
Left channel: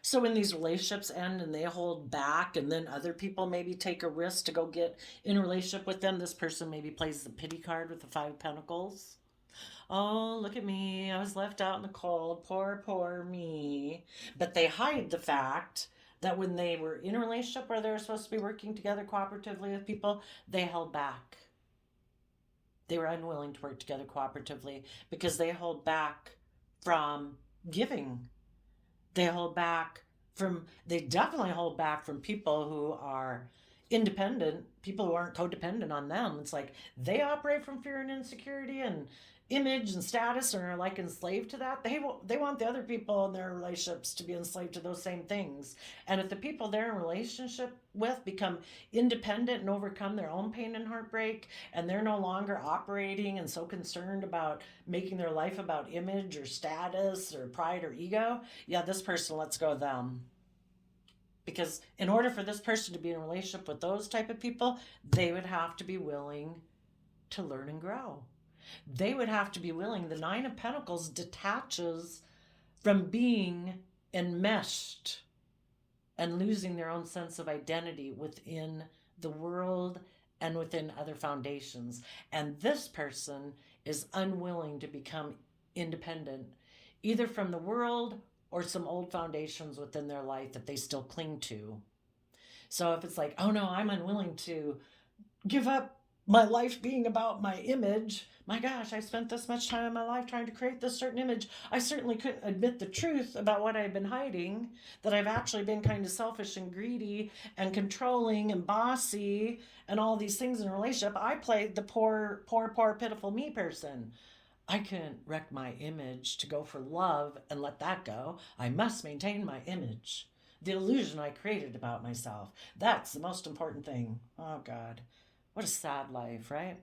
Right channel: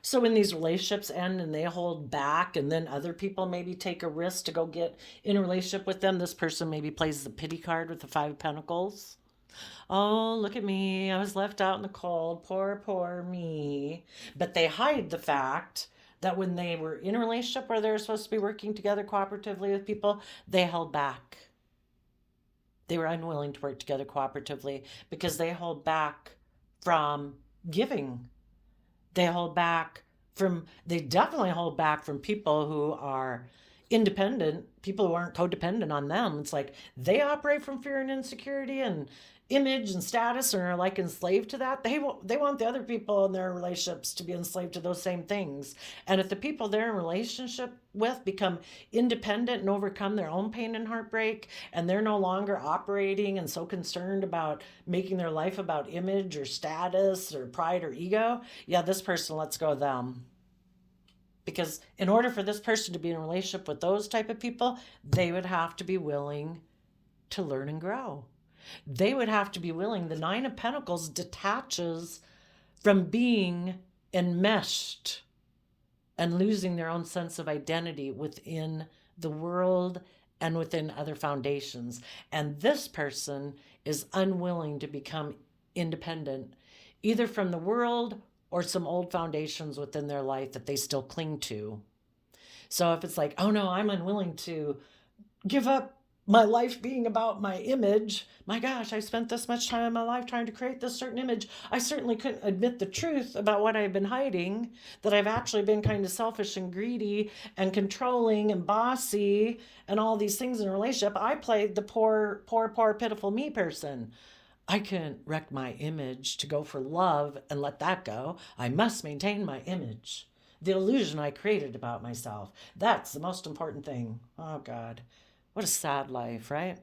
So when these relationships end and they hold back, and then other people maybe take a risk to go get in a relationship with them, this person maybe plays the pity card with the Five of Pentacles. Oh, look at me. I was left out in the cold. Poor, poor me. But they hide the fact that when they were in a relationship where they were supposed to be working together cooperatively with people, they held back. They were unwilling to work together cooperatively because they hold back from giving. They definitely hold back from people who are independent, people who aren't codependent on them. It's like they operate from fear and insecurity and image and status, and are like enslaved to that. They want the other people in their relationships to be enslaved to those same things. And if the people they're in relationship with become independent and overcome their own pain and heartbreak, and they're no longer operating and so concerned about making their life about image or status or pride or ego, yeah, this person lets go of them. Because in order for this person to be in a relationship with those type of people, they would have to be willing to learn and grow. They would have to be willing. The Nine of Pentacles detaches from being enmeshed and losing their own sense of identity within the world and within other foundations. And this person is unwilling to become independent, either from the world or some old foundations within their life that they still cling to. So if it's like, oh no, I'm unwilling to give up my life being about my image. My gosh, I spent this much time in my life trying to create this certain image. I certainly couldn't admit the truth about what I've been hiding, that I've actually been kind of selfish and greedy and controlling and bossy and all these things in a relationship. I played the poor, poor, poor, pitiful me person. I couldn't wreck my image to go for love and let that go. I must maintain my image. The illusion I created about myself. That's the most important thing. Oh, God. What a sad life, right?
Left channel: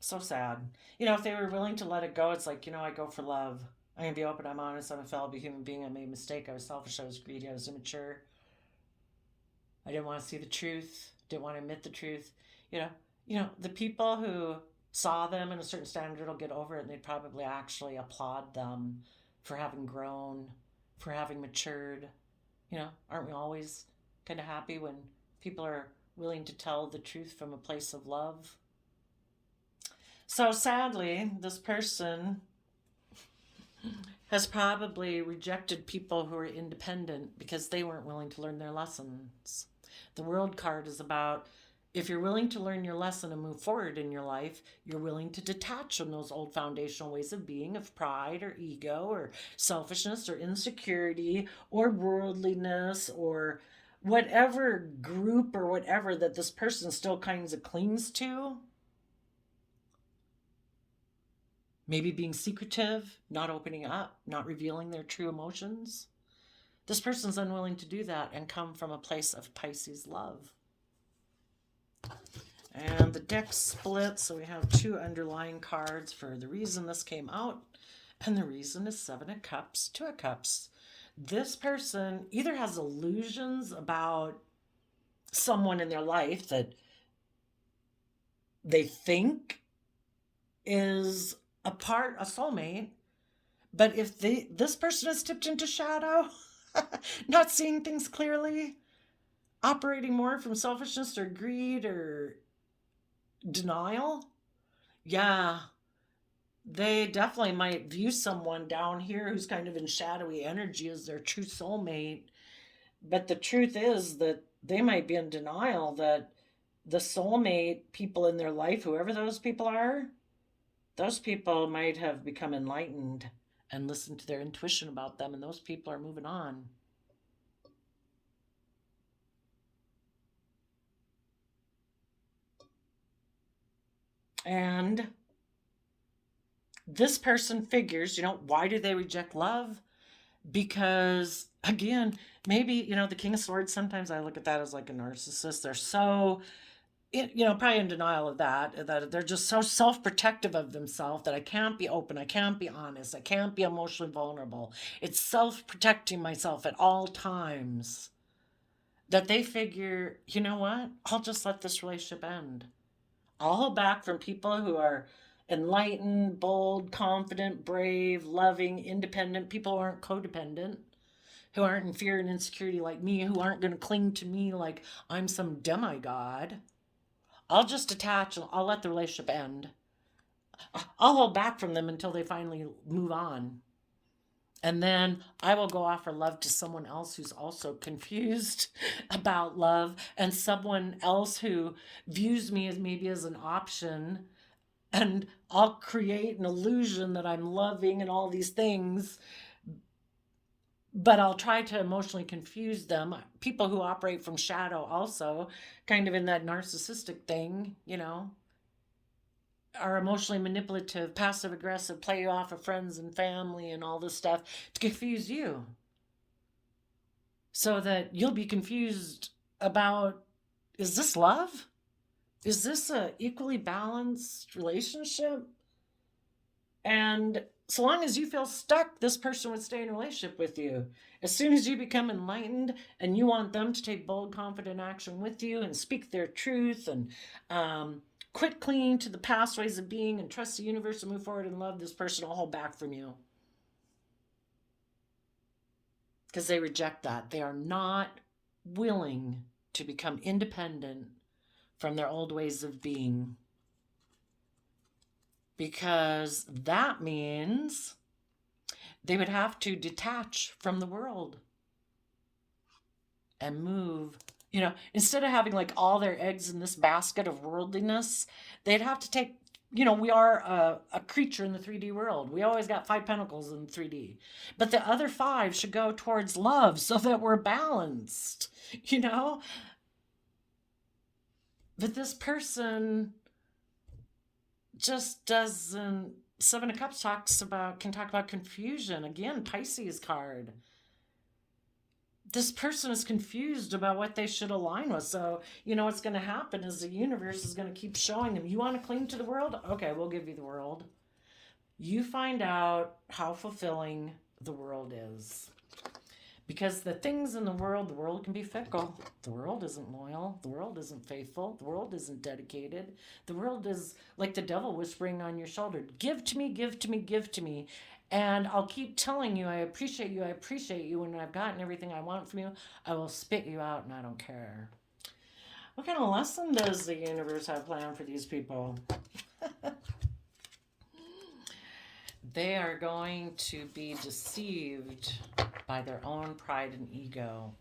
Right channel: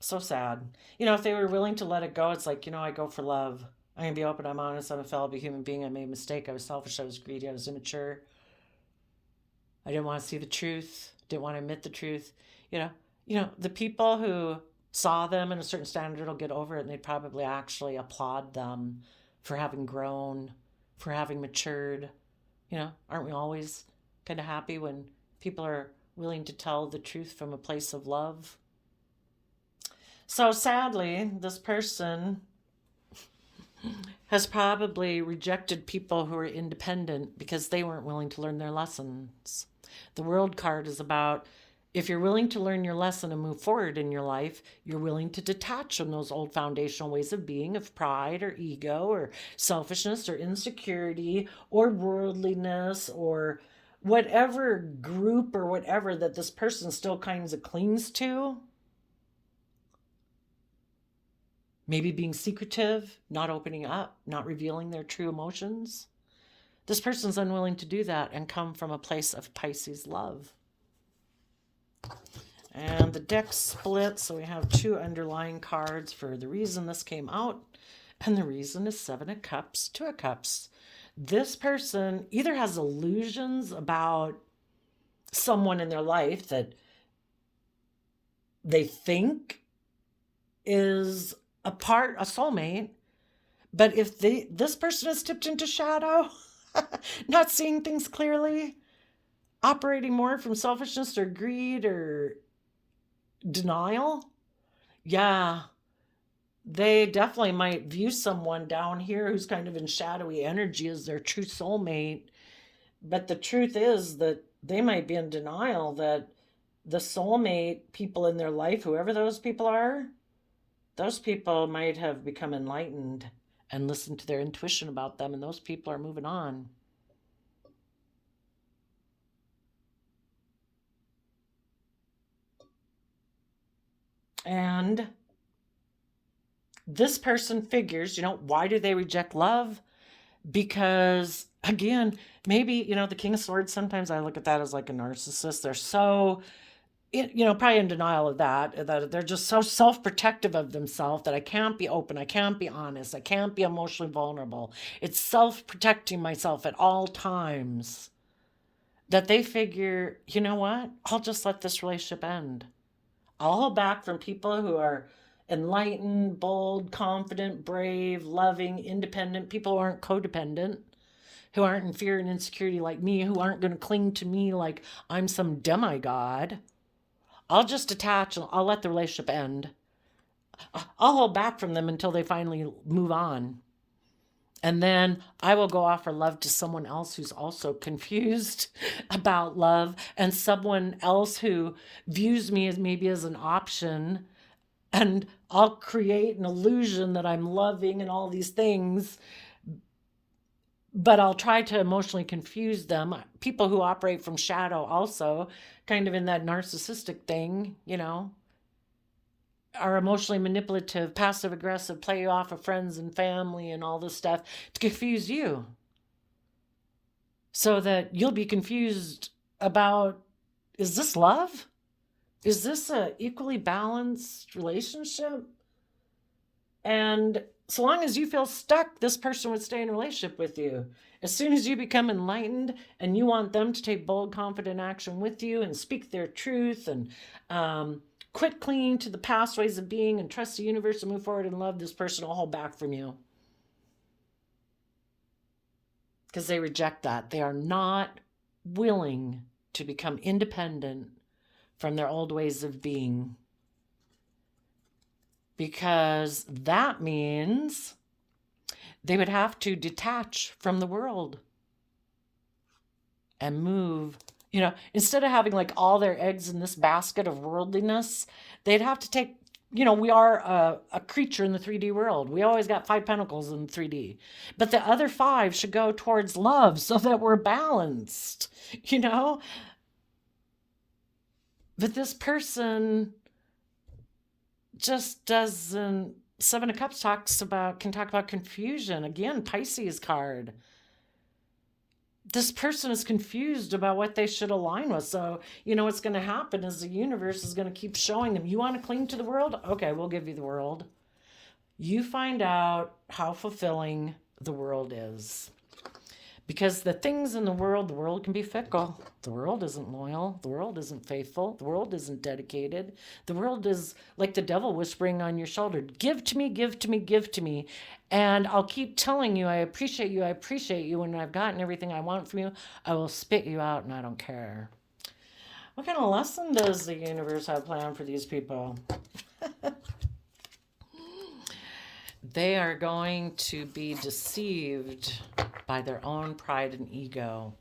So sad. If they were willing to let it go, it's like, I go for love. I'm going to be open. I'm honest. I'm a fallible human being. I made a mistake. I was selfish. I was greedy. I was immature. I didn't want to see the truth. Didn't want to admit the truth. The people who saw them in a certain standard will get over it, and they'd probably actually applaud them for having grown, for having matured. Aren't we always kind of happy when people are willing to tell the truth from a place of love? So sadly, this person has probably rejected people who are independent because they weren't willing to learn their lessons. The World card is about, if you're willing to learn your lesson and move forward in your life, you're willing to detach from those old foundational ways of being, of pride or ego or selfishness or insecurity or worldliness or whatever group or whatever that this person still kind of clings to. Maybe being secretive, not opening up, not revealing their true emotions. This person's unwilling to do that and come from a place of Pisces love. And the deck split, so we have two underlying cards for the reason this came out. And the reason is Seven of Cups, Two of Cups. this person either has illusions about someone in their life that they think is a soulmate, but if this person has tipped into shadow, not seeing things clearly, operating more from selfishness or greed or denial, yeah, they definitely might view someone down here who's kind of in shadowy energy as their true soulmate. But the truth is that they might be in denial that the soulmate people in their life, whoever those people are, those people might have become enlightened and listened to their intuition about them, and those people are moving on. And this person figures, why do they reject love? Because, again, maybe, the King of Swords, sometimes I look at that as like a narcissist. They're so, probably in denial of that they're just so self-protective of themselves that I can't be open, I can't be honest, I can't be emotionally vulnerable. It's self-protecting myself at all times that they figure, you know what? I'll just let this relationship end. I'll hold back from people who are enlightened, bold, confident, brave, loving, independent, people who aren't codependent, who aren't in fear and insecurity like me, who aren't going to cling to me like I'm some demigod. I'll just detach, I'll let the relationship end. I'll hold back from them until they finally move on. And then I will go offer love to someone else who's also confused about love, and someone else who views me as maybe as an option. And I'll create an illusion that I'm loving and all these things, but I'll try to emotionally confuse them. People who operate from shadow also, kind of in that narcissistic thing, are emotionally manipulative, passive aggressive, play off of friends and family and all this stuff to confuse you. So that you'll be confused about, is this love? Is this a equally balanced relationship? And so long as you feel stuck, this person would stay in a relationship with you. As soon as you become enlightened and you want them to take bold, confident action with you and speak their truth and quit clinging to the past ways of being and trust the universe and move forward in love, this person will hold back from you. Because they reject that. They are not willing to become independent from their old ways of being. Because that means they would have to detach from the world and move. Instead of having like all their eggs in this basket of worldliness, they'd have to take, we are a creature in the 3D world. We always got 5 pentacles in 3D. But the other 5 should go towards love so that we're balanced, But this person just doesn't. 7 of Cups can talk about confusion. Again, Pisces card. This person is confused about what they should align with. So, what's going to happen is the universe is going to keep showing them, you want to cling to the world? Okay, we'll give you the world. You find out how fulfilling the world is. Because the things in the world can be fickle. The world isn't loyal. The world isn't faithful. The world isn't dedicated. The world is like the devil whispering on your shoulder, give to me, give to me, give to me. And I'll keep telling you, I appreciate you, I appreciate you. When I've gotten everything I want from you, I will spit you out and I don't care. What kind of lesson does the universe have planned for these people? They are going to be deceived by their own pride and ego.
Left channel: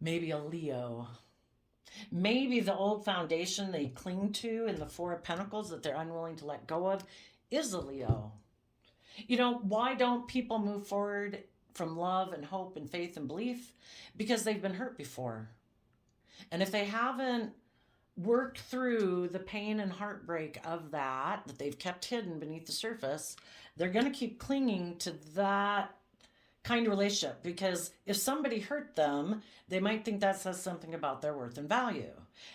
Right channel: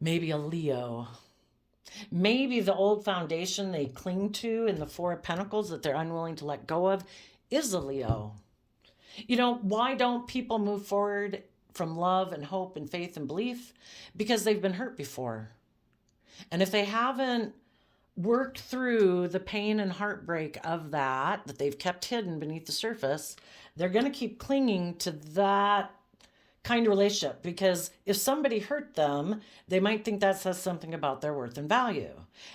Maybe a Leo. Maybe the old foundation they cling to in the 4 of Pentacles that they're unwilling to let go of is a Leo. Why don't people move forward from love and hope and faith and belief? Because they've been hurt before. And if they haven't worked through the pain and heartbreak of that they've kept hidden beneath the surface, they're going to keep clinging to that kind of relationship. Because if somebody hurt them, they might think that says something about their worth and value.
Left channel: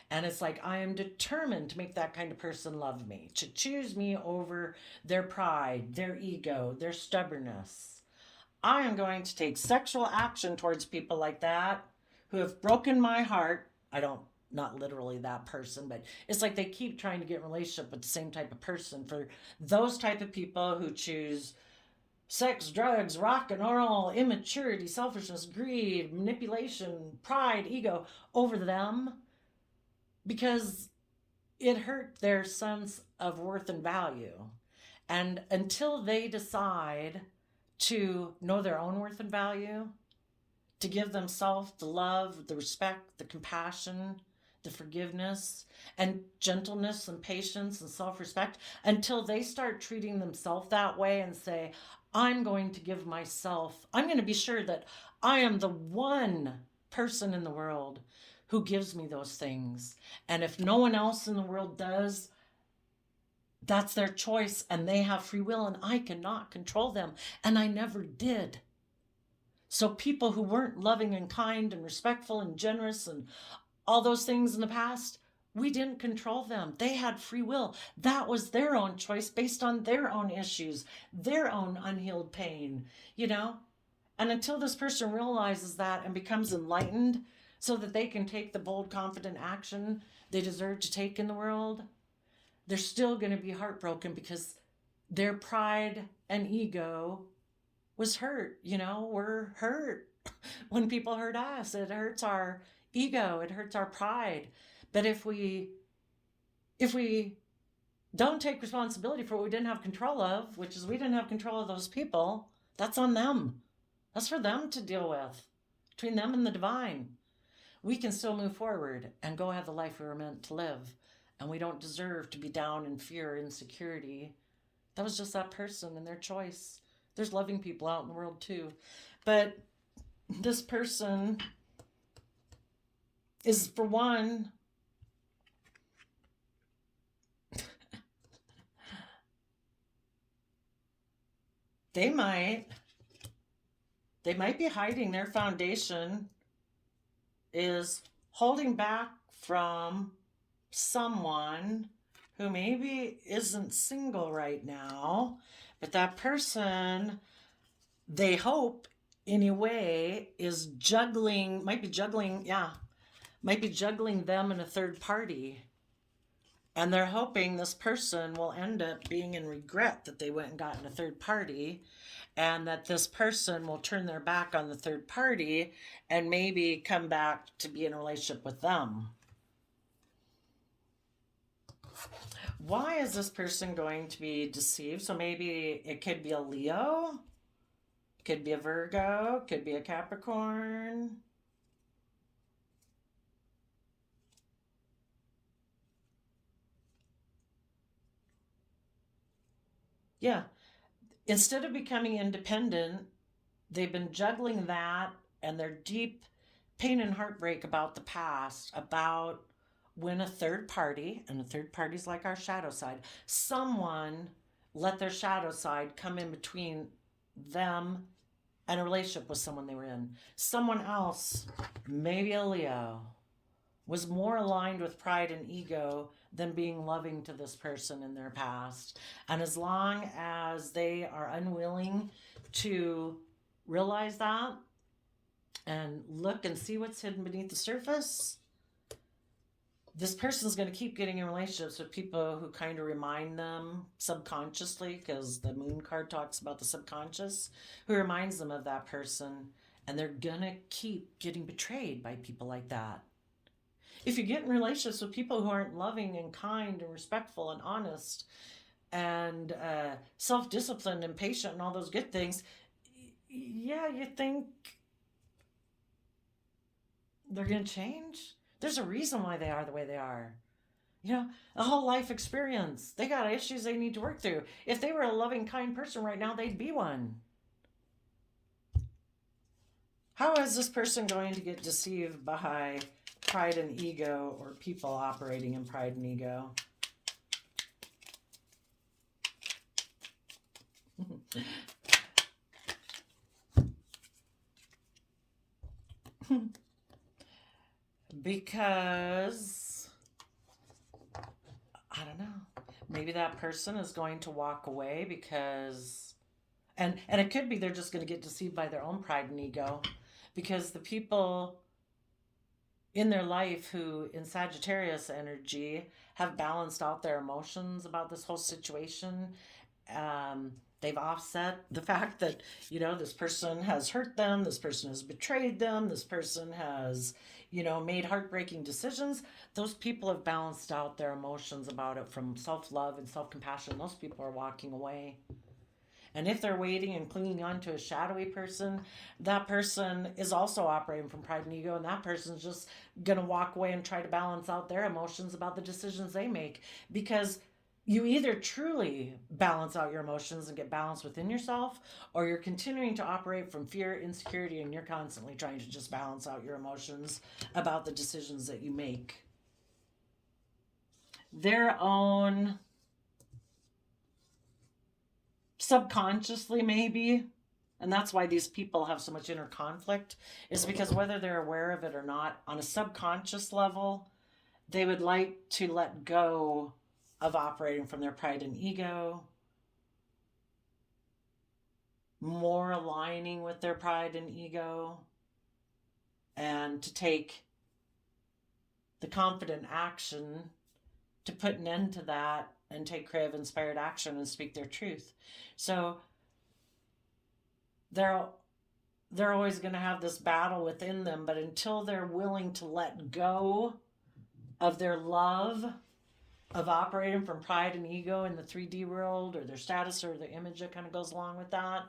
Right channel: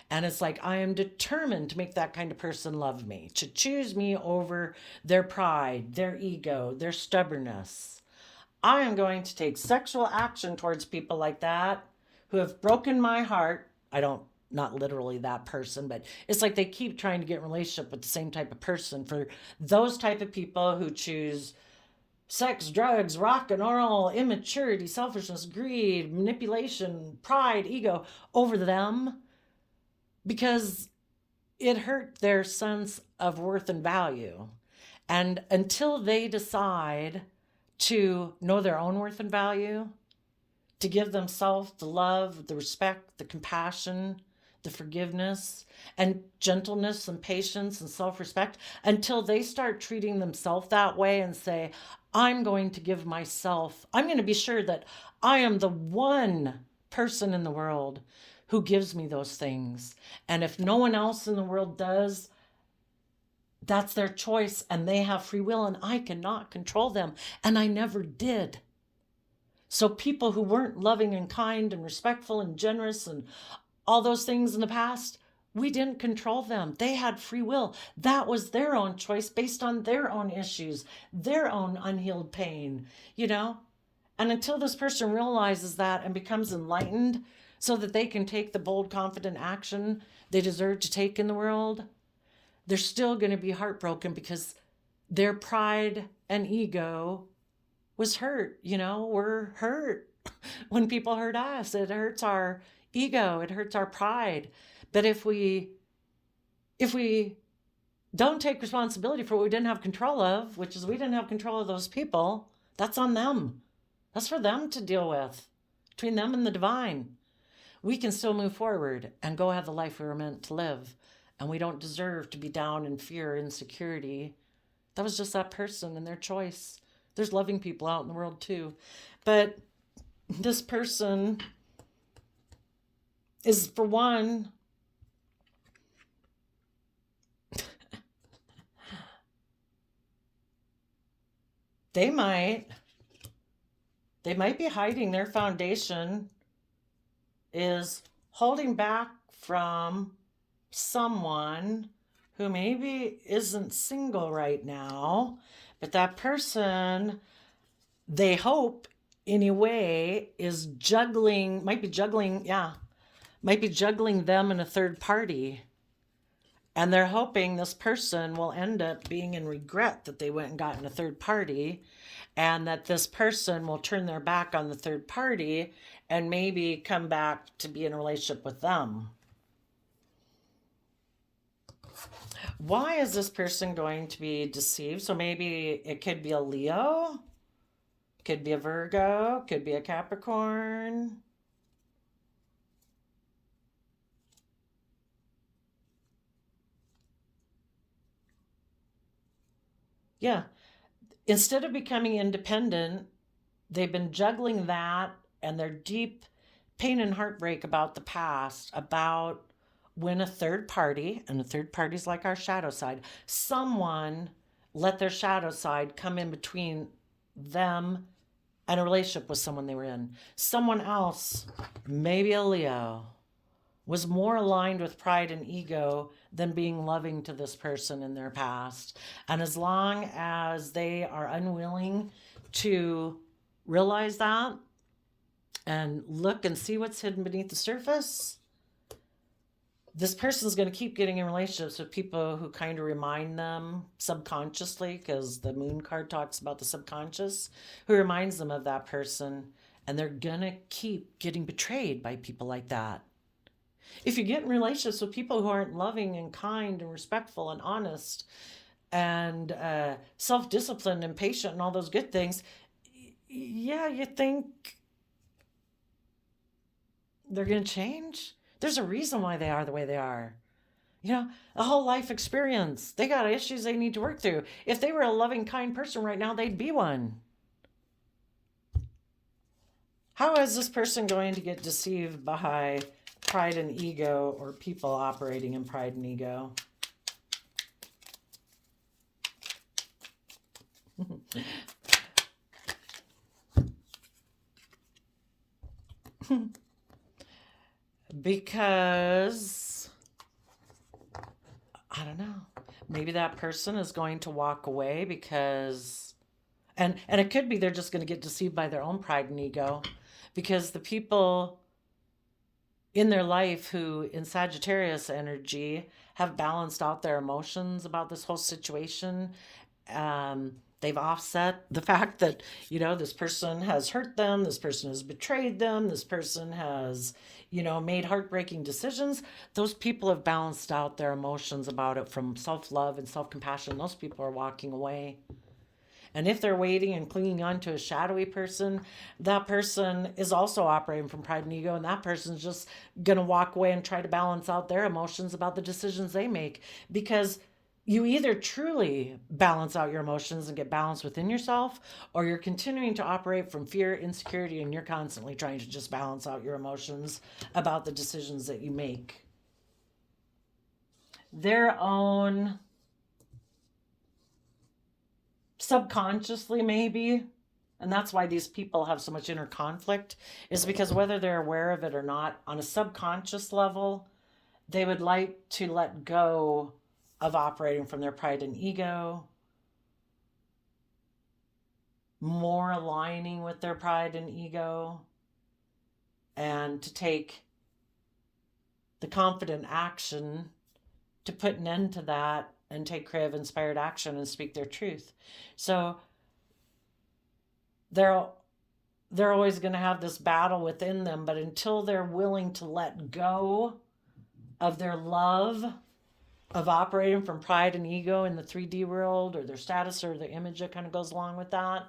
And it's like, I am determined to make that kind of person love me, to choose me over their pride, their ego, their stubbornness. I am going to take sexual action towards people like that who have broken my heart. I don't, not literally that person, but it's like they keep trying to get in a relationship with the same type of person. For those type of people who choose sex, drugs, rock and roll, immaturity, selfishness, greed, manipulation, pride, ego over them, because it hurt their sense of worth and value. And until they decide to know their own worth and value, to give themselves the love, the respect, the compassion, the forgiveness, and gentleness and patience and self respect, until they start treating themselves that way and say, I'm going to give myself, I'm going to be sure that I am the one person in the world who gives me those things. And if no one else in the world does, that's their choice and they have free will and I cannot control them. And I never did. So people who weren't loving and kind and respectful and generous and all those things in the past, we didn't control them. They had free will. That was their own choice based on their own issues, their own unhealed pain, you know? And until this person realizes that and becomes enlightened so that they can take the bold, confident action they deserve to take in the world, they're still going to be heartbroken because their pride and ego was hurt. You know, we're hurt when people hurt us. It hurts our ego, it hurts our pride. But if we don't take responsibility for what we didn't have control of, which is we didn't have control of those people, that's on them. That's for them to deal with, between them and the divine. We can still move forward and go have the life we were meant to live. And we don't deserve to be down in fear, insecurity. That was just that person and their choice. There's loving people out in the world too. But this person is, for one, they might be hiding their foundation is holding back from someone who maybe isn't single right now, but that person, they hope anyway, is juggling, might be juggling them in a third party. And they're hoping this person will end up being in regret that they went and got in a third party, and that this person will turn their back on the third party and maybe come back to be in a relationship with them. Why is this person going to be deceived? So maybe it could be a Leo, could be a Virgo, could be a Capricorn. Yeah. Instead of becoming independent, they've been juggling that and their deep pain and heartbreak about the past, about when a third party, and the third party is like our shadow side, someone let their shadow side come in between them and a relationship with someone they were in. Someone else, maybe a Leo, was more aligned with pride and ego than being loving to this person in their past. And as long as they are unwilling to realize that and look and see what's hidden beneath the surface, this person is going to keep getting in relationships with people who kind of remind them subconsciously, because the moon card talks about the subconscious, who reminds them of that person. And they're going to keep getting betrayed by people like that. If you get in relationships with people who aren't loving and kind and respectful and honest and self-disciplined and patient and all those good things, yeah, you think they're going to change? There's a reason why they are the way they are. You know, a whole life experience. They got issues they need to work through. If they were a loving, kind person right now, they'd be one. How is this person going to get deceived by pride and ego, or people operating in pride and ego? Because, I don't know, maybe that person is going to walk away because, And it could be they're just going to get deceived by their own pride and ego, because the people in their life who in Sagittarius energy have balanced out their emotions about this whole situation, they've offset the fact that, this person has hurt them, this person has betrayed them, this person has, made heartbreaking decisions. Those people have balanced out their emotions about it from self-love and self-compassion. Those people are walking away. And if they're waiting and clinging on to a shadowy person, that person is also operating from pride and ego, and that person's just going to walk away and try to balance out their emotions about the decisions they make. Because you either truly balance out your emotions and get balance within yourself, or you're continuing to operate from fear, insecurity, and you're constantly trying to just balance out your emotions about the decisions that you make. Their own, subconsciously maybe, and that's why these people have so much inner conflict, is because whether they're aware of it or not, on a subconscious level, they would like to let go of operating from their pride and ego, more aligning with their pride and ego, and to take the confident action to put an end to that and take creative inspired action and speak their truth. So they're always going to have this battle within them, but until they're willing to let go of their love of operating from pride and ego in the 3D world, or their status, or the image that kind of goes along with that,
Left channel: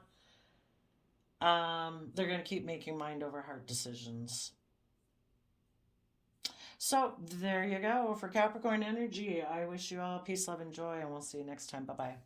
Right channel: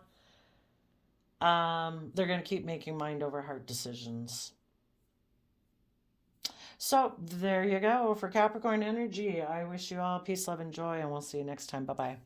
they're going to keep making mind over heart decisions. So there you go for Capricorn energy. I wish you all peace, love, and joy, and we'll see you next time. Bye-bye.